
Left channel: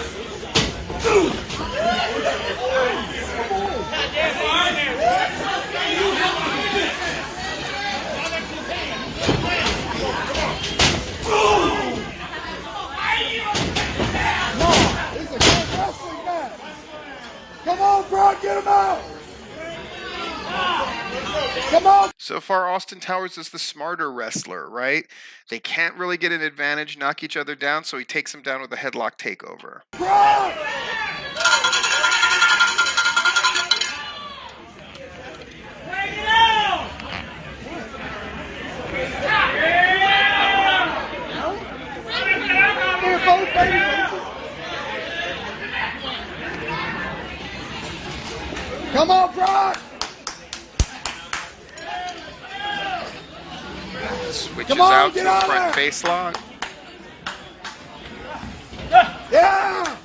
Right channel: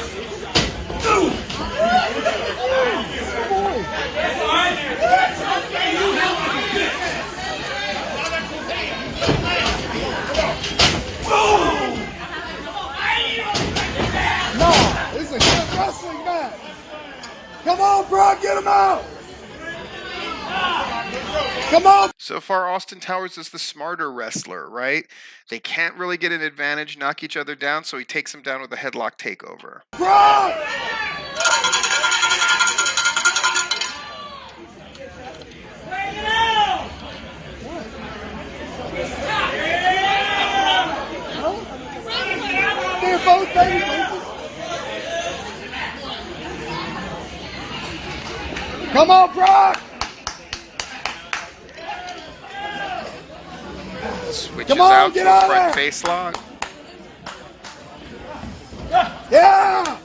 That's all right here. You hit like a bitch. No, it's a good wrestling match. Come on, Proc, get him out. Come on. So far, Austin Towers is the smarter wrestler, right? They can't really get an advantage, knock each other down, so he takes them down with a headlock takeover. Proc! Take it out. They're both baby. Come on, Proc! Switches out to a front face lock. Yeah!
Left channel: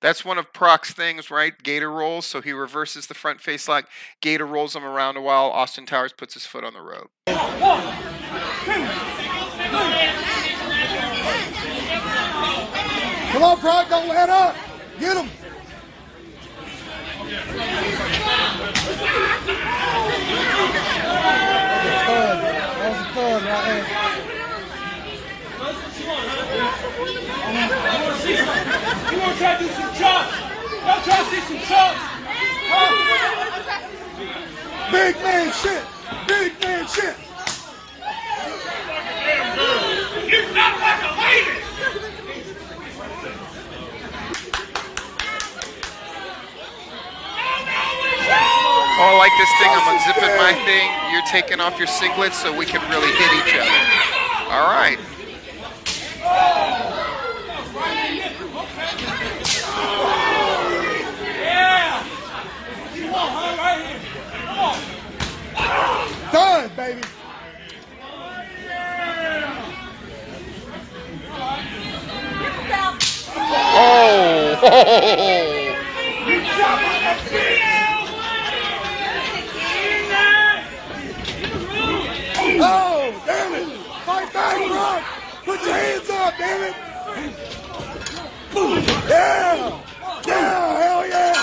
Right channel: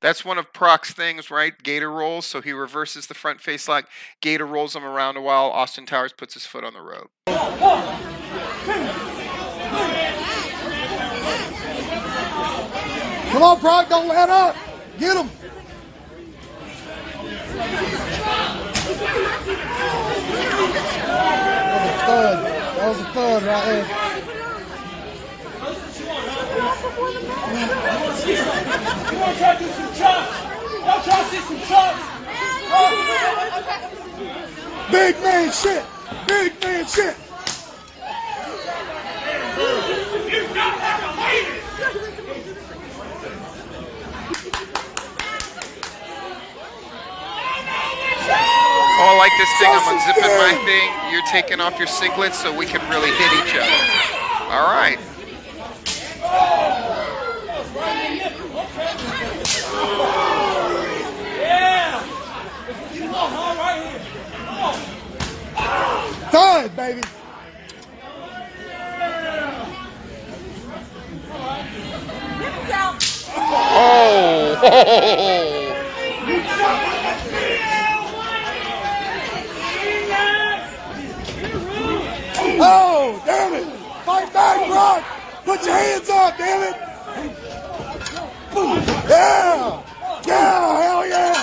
That's one of Proc's things, right? Gator rolls, so he reverses the front face lock. Gator rolls him around a while. Austin Towers puts his foot on the rope. 1, 2, 3. Come on, Proc, don't let up. Get him. That was a fun right there. You want to try to do some chops? Y'all try to see some chops? Huh? Big man shit. Big man shit. Oh, I like this thing. I'm unzipping my thing. You're taking off your singlets so we can really hit each other. All right. Yeah. What you want, huh? Right here. Come on. Time, baby. Oh. Oh, damn it. Fight back, Rock. Put your hands up, damn it. Yeah. Yeah, hell yeah.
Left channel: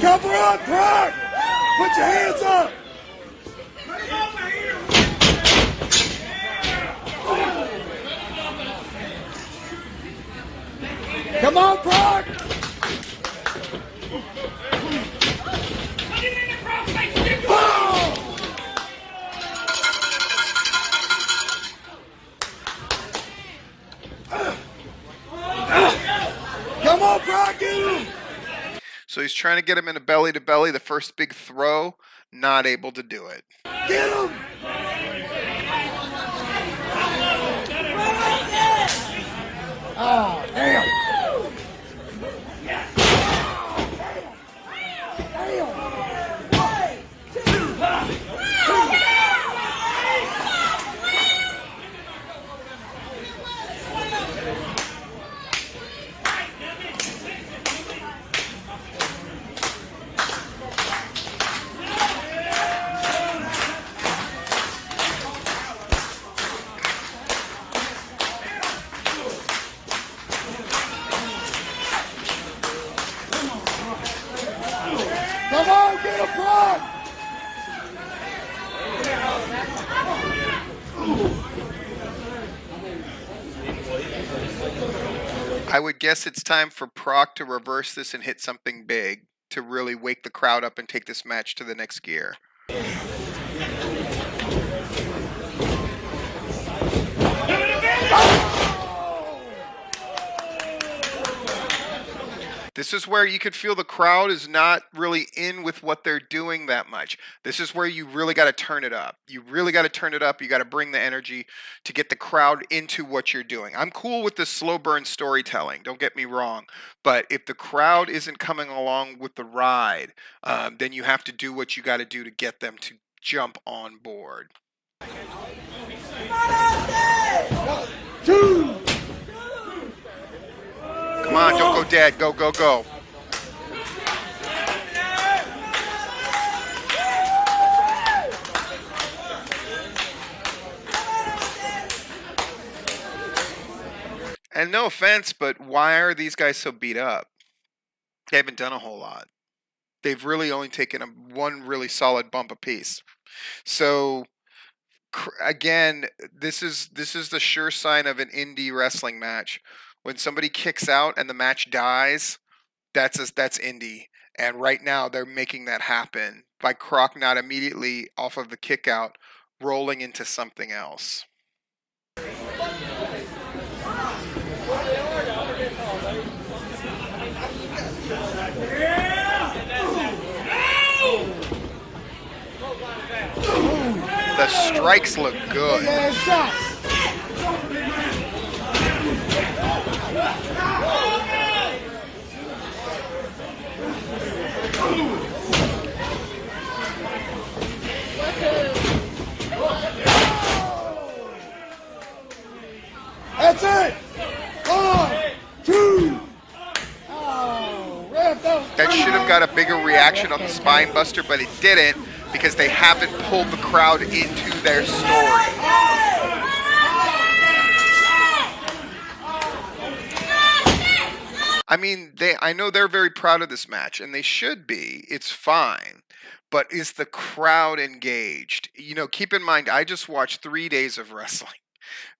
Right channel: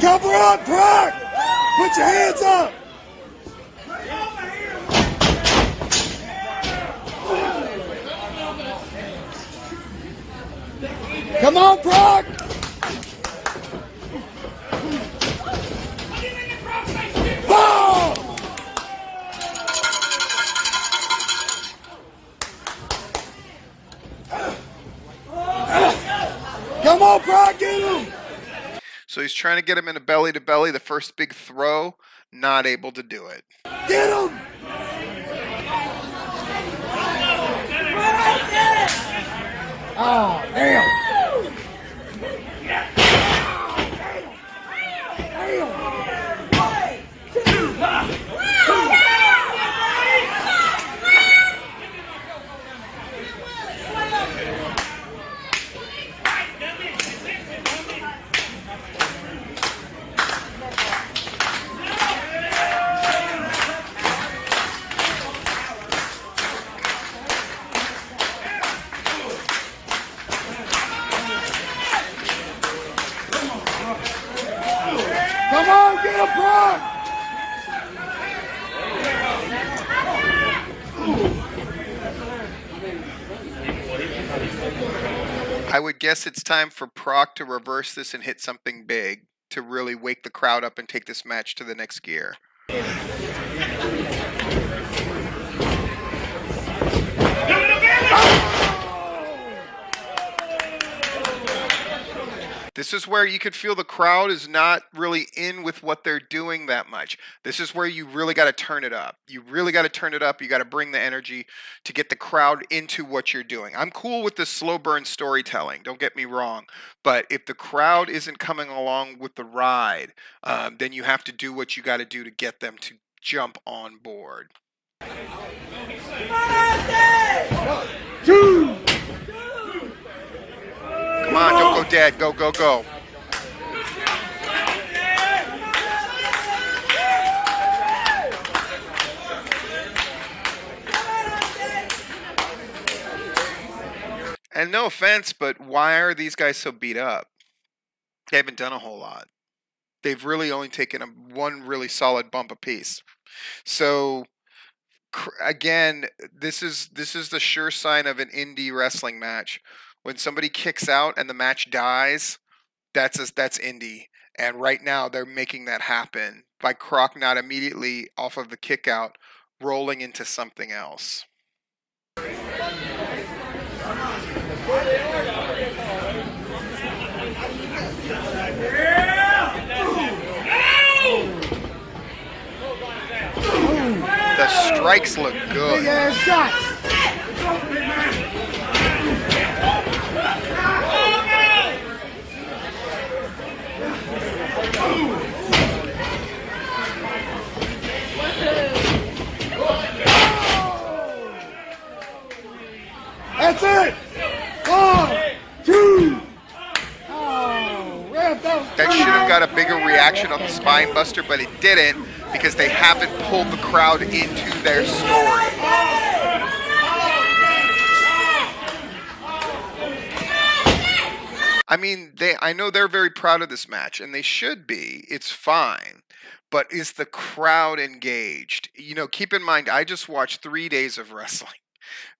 Cover on, Proc. Put your hands up. Come on, Proc. Oh! Come on, Proc, get him. So he's trying to get him in a belly to belly. The first big throw, not able to do it. Get him. Oh, damn. Come on, get him, Proc. I would guess it's time for Proc to reverse this and hit something big to really wake the crowd up and take this match to the next gear. This is where you could feel the crowd is not really in with what they're doing that much. This is where you really got to turn it up. You really got to turn it up. You got to bring the energy to get the crowd into what you're doing. I'm cool with the slow burn storytelling, don't get me wrong. But if the crowd isn't coming along with the ride, then you have to do what you got to do to get them to jump on board. Two. Come on, don't go dead. Go, go, go. And no offense, but why are these guys so beat up? They haven't done a whole lot. They've really only taken one really solid bump apiece. So again, this is the sure sign of an indie wrestling match. When somebody kicks out and the match dies, that's indie. And right now they're making that happen by Croc not immediately off of the kick out rolling into something else. The strikes look good. That's it. 1, 2. That should have got a bigger reaction on the spine buster, but it didn't because they haven't pulled the crowd into their story. I mean, I know they're very proud of this match, and they should be. It's fine. But is the crowd engaged? You know, keep in mind, I just watched 3 days of wrestling.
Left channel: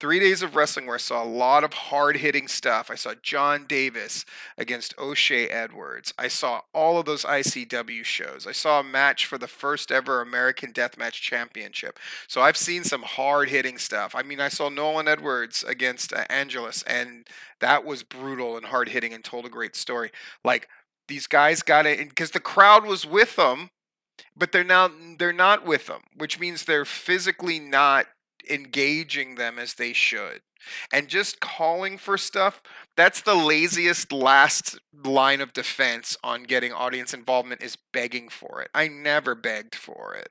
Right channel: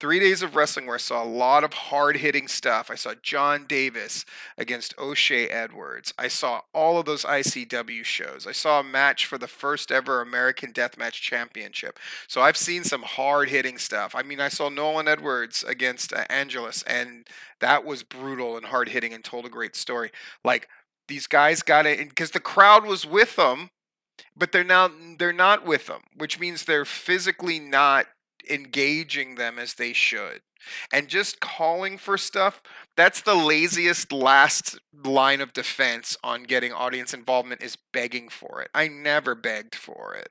3 days of wrestling where I saw a lot of hard-hitting stuff. I saw John Davis against Ocoee Edwards. I saw all of those ICW shows. I saw a match for the first ever American Deathmatch Championship. So I've seen some hard-hitting stuff. I mean, I saw Nolan Edwards against Angelus, and that was brutal and hard-hitting and told a great story. Like, these guys got it because the crowd was with them, but they're not with them, which means they're physically not engaging them as they should. And just calling for stuff, that's the laziest last line of defense on getting audience involvement, is begging for it. I never begged for it.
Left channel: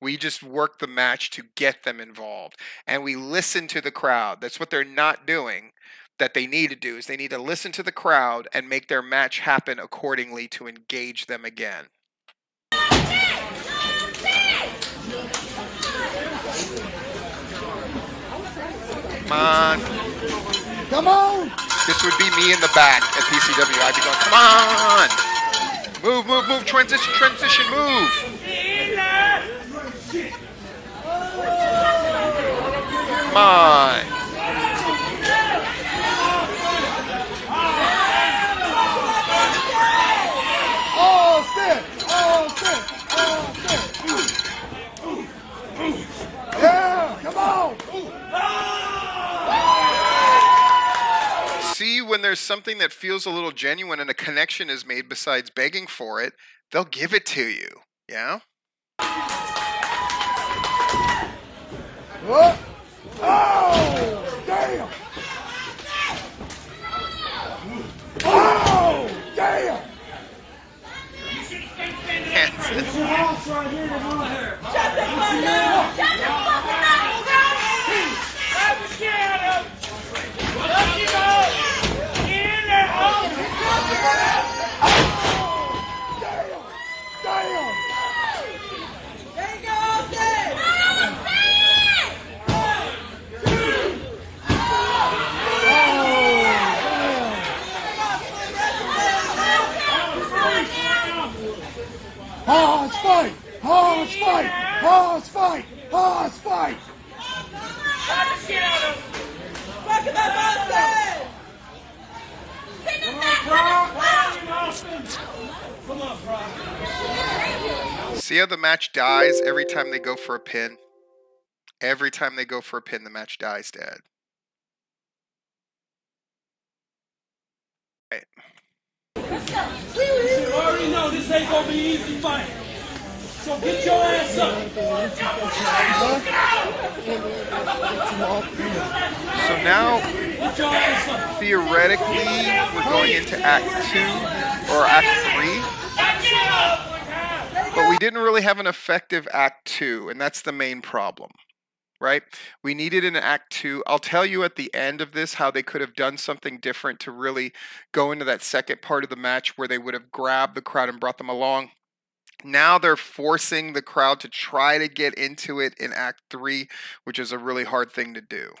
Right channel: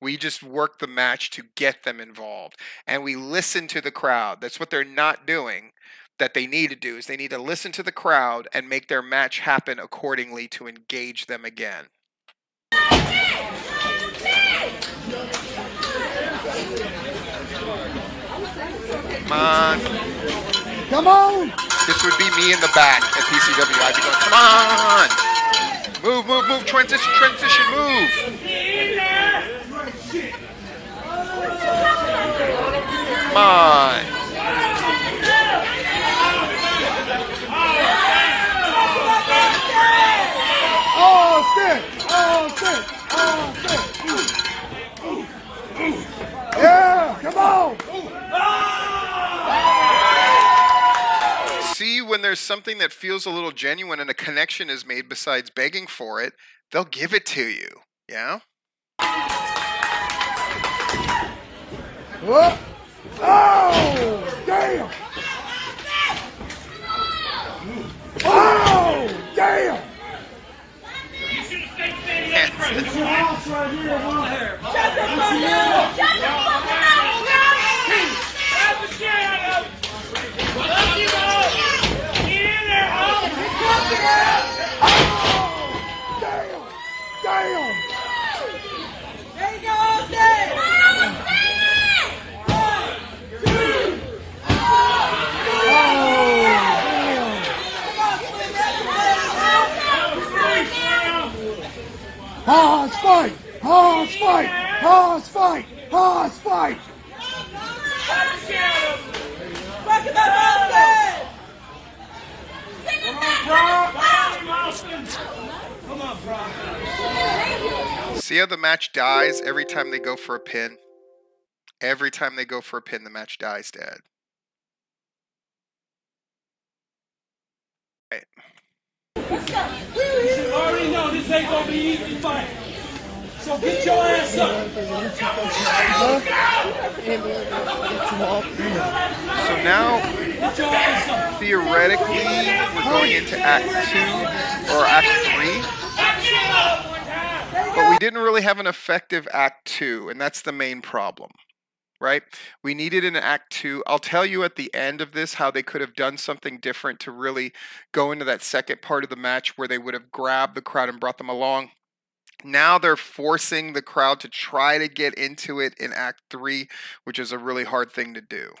We just work the match to get them involved, and we listen to the crowd. That's what they're not doing. That they need to do is they need to listen to the crowd and make their match happen accordingly to engage them again. Come on. Come on. This would be me in the back at PCW. I'd be going, come on. Move, move, move. Transition, transition, move. Come on. Yeah, come on. See, when there's something that feels a little genuine and a connection is made besides begging for it, they'll give it to you. Yeah? What? Oh, damn. Oh, damn. Hanson. Let's fight! Oh, let's fight! Oh, let's fight! Oh, let's fight! Come on, Proc. See how the match dies every time they go for a pin? Every time they go for a pin, the match dies dead. Right. You already know this ain't gonna be an easy fight. So get your ass up. So now, Get your ass up. theoretically, we're going into Act 2 or Act 3. But we didn't really have an effective Act 2, and that's the main problem, right? We needed an Act 2. I'll tell you at the end of this how they could have done something different to really go into that second part of the match where they would have grabbed the crowd and brought them along. Now they're forcing the crowd to try to get into it in Act 3, which is a really hard thing to do.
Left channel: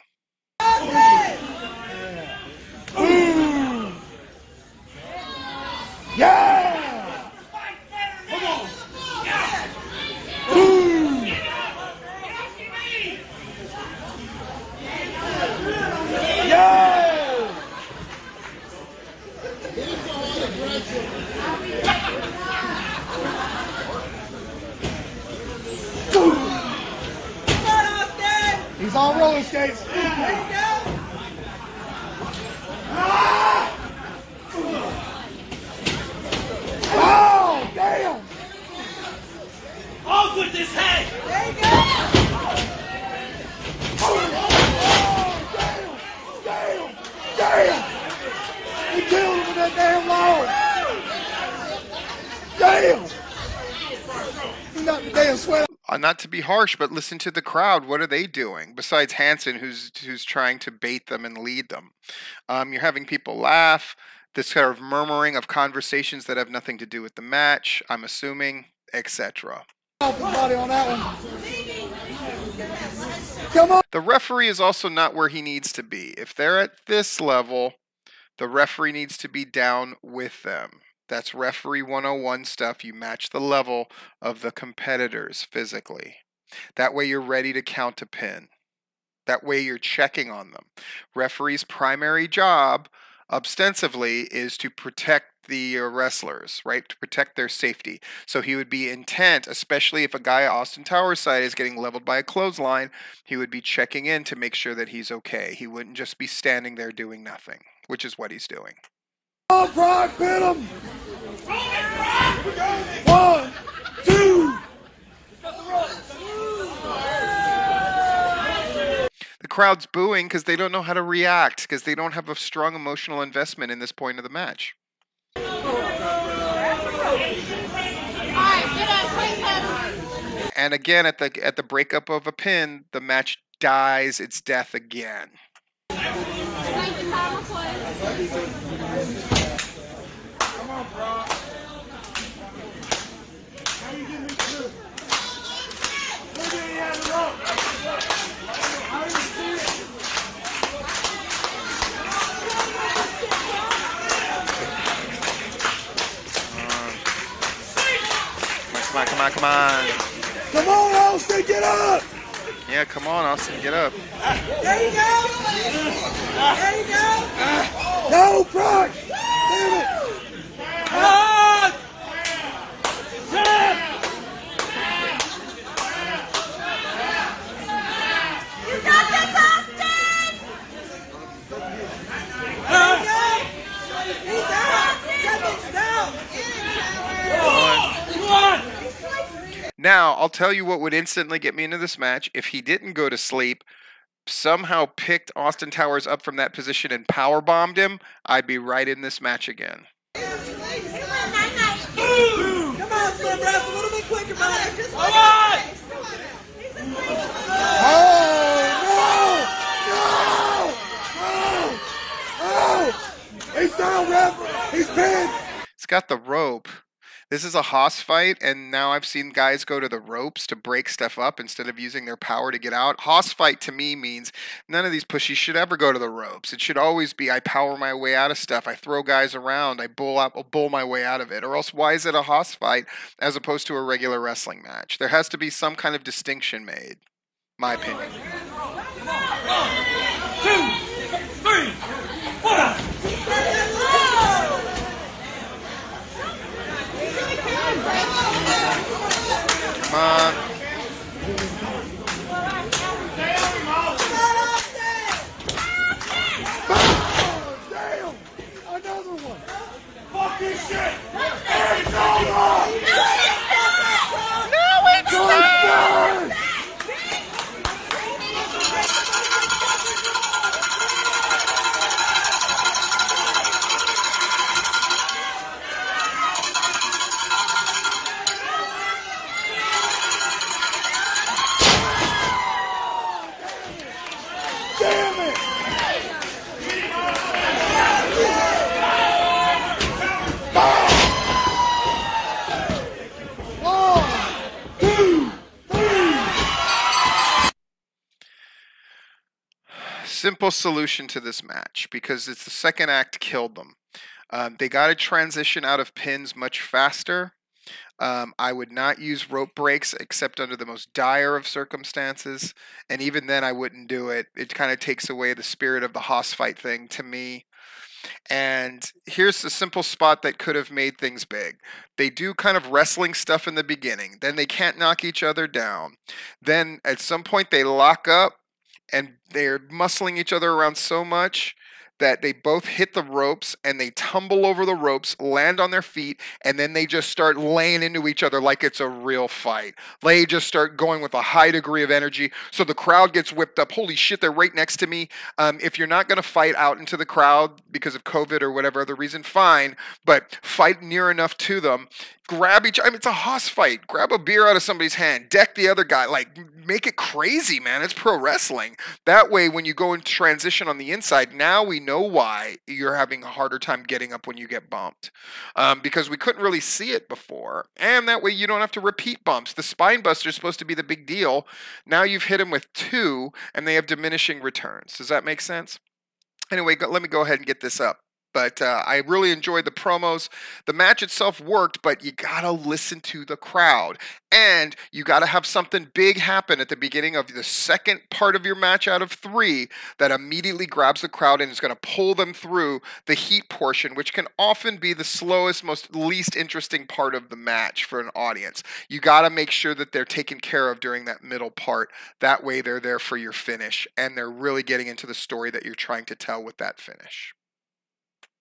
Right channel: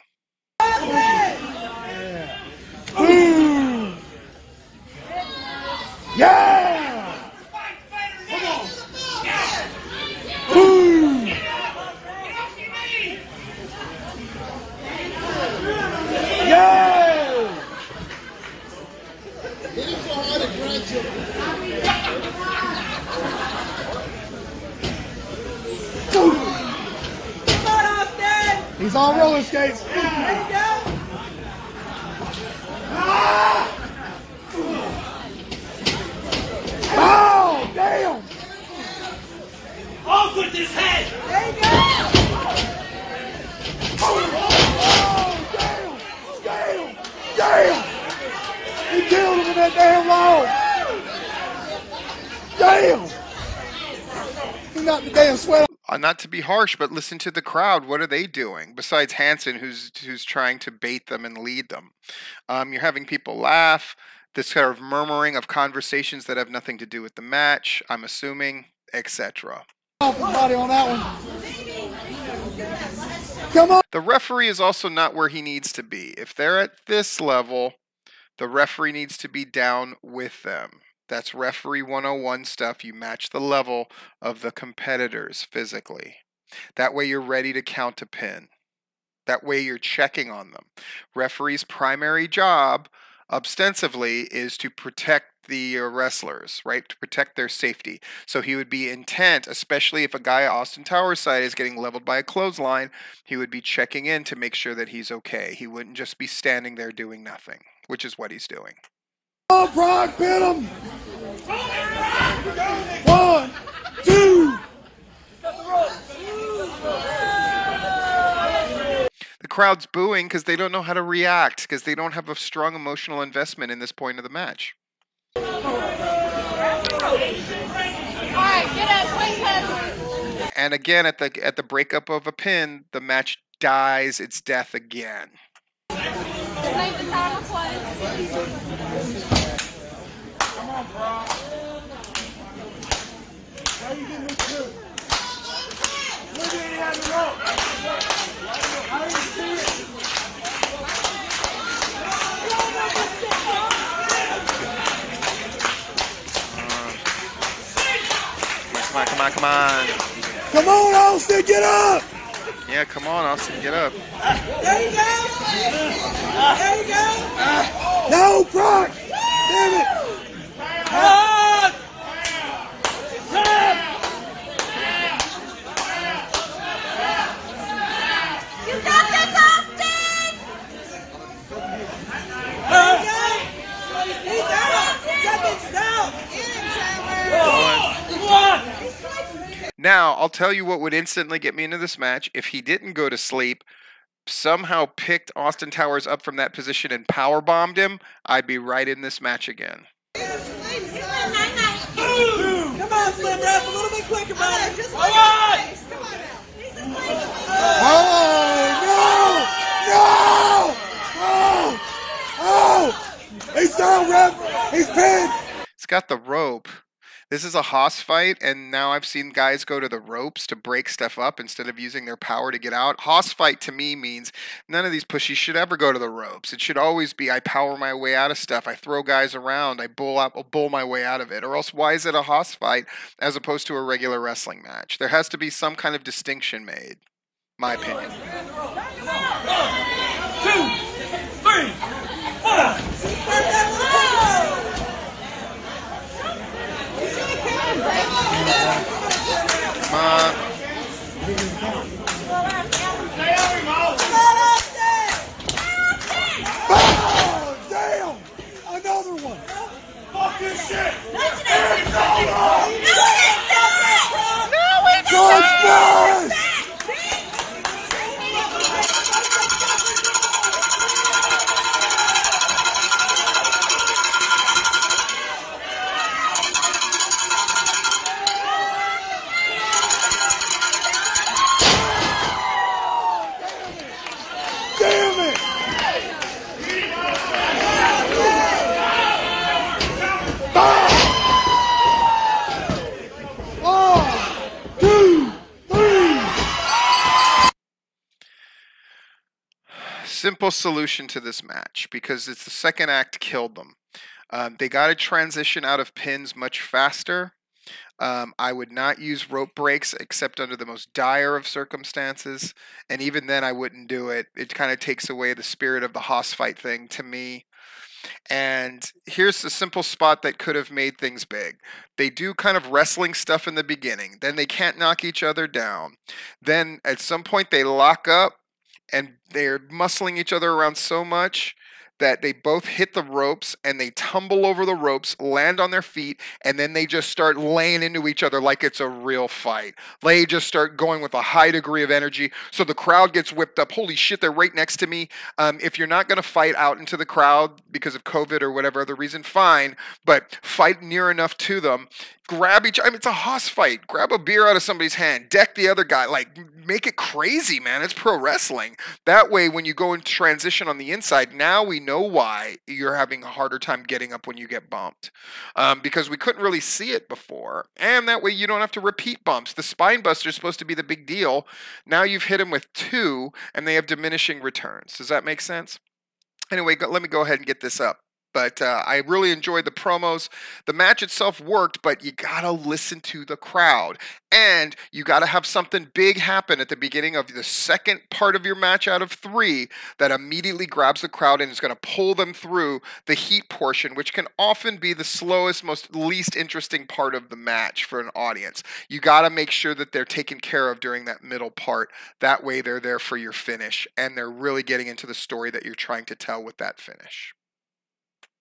Yeah! Come on. Yeah! He's on roller skates. Oh, damn! Off with this head. Damn! He killed him with that damn log! Damn! He knocked the damn sweat. Not to be harsh, but listen to the crowd. What are they doing besides Hanson, who's trying to bait them and lead them? You're having people laugh. This kind of murmuring of conversations that have nothing to do with the match, I'm assuming, etc. Body on that one. Come on. The referee is also not where he needs to be. If they're at this level, the referee needs to be down with them. That's referee 101 stuff. You match the level of the competitors physically. That way you're ready to count a pin. That way you're checking on them. Referee's primary job, ostensibly, is to protect the wrestlers, right? To protect their safety. So he would be intent, especially if a guy Austin Towers' side is getting leveled by a clothesline, he would be checking in to make sure that he's okay. He wouldn't just be standing there doing nothing, which is what he's doing. Oh, Brock, hit him! 1, 2. The crowd's booing because they don't know how to react, because they don't have a strong emotional investment in this point of the match. And again, at the breakup of a pin, the match dies its death again. Come on. Come on, Austin, get up! Yeah, come on, Austin, get up. There you go! There you go! No, Brock! Damn it! Shut up! You got this, Austin! Come on! Now, I'll tell you what would instantly get me into this match. If he didn't go to sleep, somehow picked Austin Towers up from that position and powerbombed him, I'd be right in this match again. Come on, Slim Duff, a little bit quicker, man. Come on! Oh, no! He's down, ref! He's pinned! It's got the rope. This is a Haas fight, and now I've seen guys go to the ropes to break stuff up instead of using their power to get out. Haas fight to me means none of these pushies should ever go to the ropes. It should always be I power my way out of stuff. I throw guys around. I bull my way out of it. Or else why is it a Haas fight as opposed to a regular wrestling match? There has to be some kind of distinction made. My opinion. 1, 2, 3, 4. Come on. Damn! Another one! Fuck this shit! It's over! No, it's not! Simple solution to this match, because it's the second act killed them. They got to transition out of pins much faster. I would not use rope breaks except under the most dire of circumstances, and even then I wouldn't do it. It kind of takes away the spirit of the Haas fight thing to me. And here's a simple spot that could have made things big. They do kind of wrestling stuff in the beginning. Then they can't knock each other down. Then at some point they lock up and they're muscling each other around so much that they both hit the ropes and they tumble over the ropes, land on their feet, and then they just start laying into each other like it's a real fight. They just start going with a high degree of energy, so the crowd gets whipped up. Holy shit, they're right next to me. If you're not going to fight out into the crowd because of COVID or whatever other reason, fine, but fight near enough to them. Grab each, I mean, it's a Haas fight. Grab a beer out of somebody's hand, deck the other guy, like make it crazy, man. It's pro wrestling. That way, when you go and transition on the inside, now we know why you're having a harder time getting up when you get bumped, because we couldn't really see it before. And that way you don't have to repeat bumps. The spine buster is supposed to be the big deal. Now you've hit them with 2 and they have diminishing returns. Does that make sense? Anyway, let me go ahead and get this up. But I really enjoyed the promos. The match itself worked, but you gotta listen to the crowd. And you gotta have something big happen at the beginning of the second part of your match out of 3 that immediately grabs the crowd and is gonna pull them through the heat portion, which can often be the slowest, most least interesting part of the match for an audience. You gotta make sure that they're taken care of during that middle part. That way they're there for your finish, and they're really getting into the story that you're trying to tell with that finish.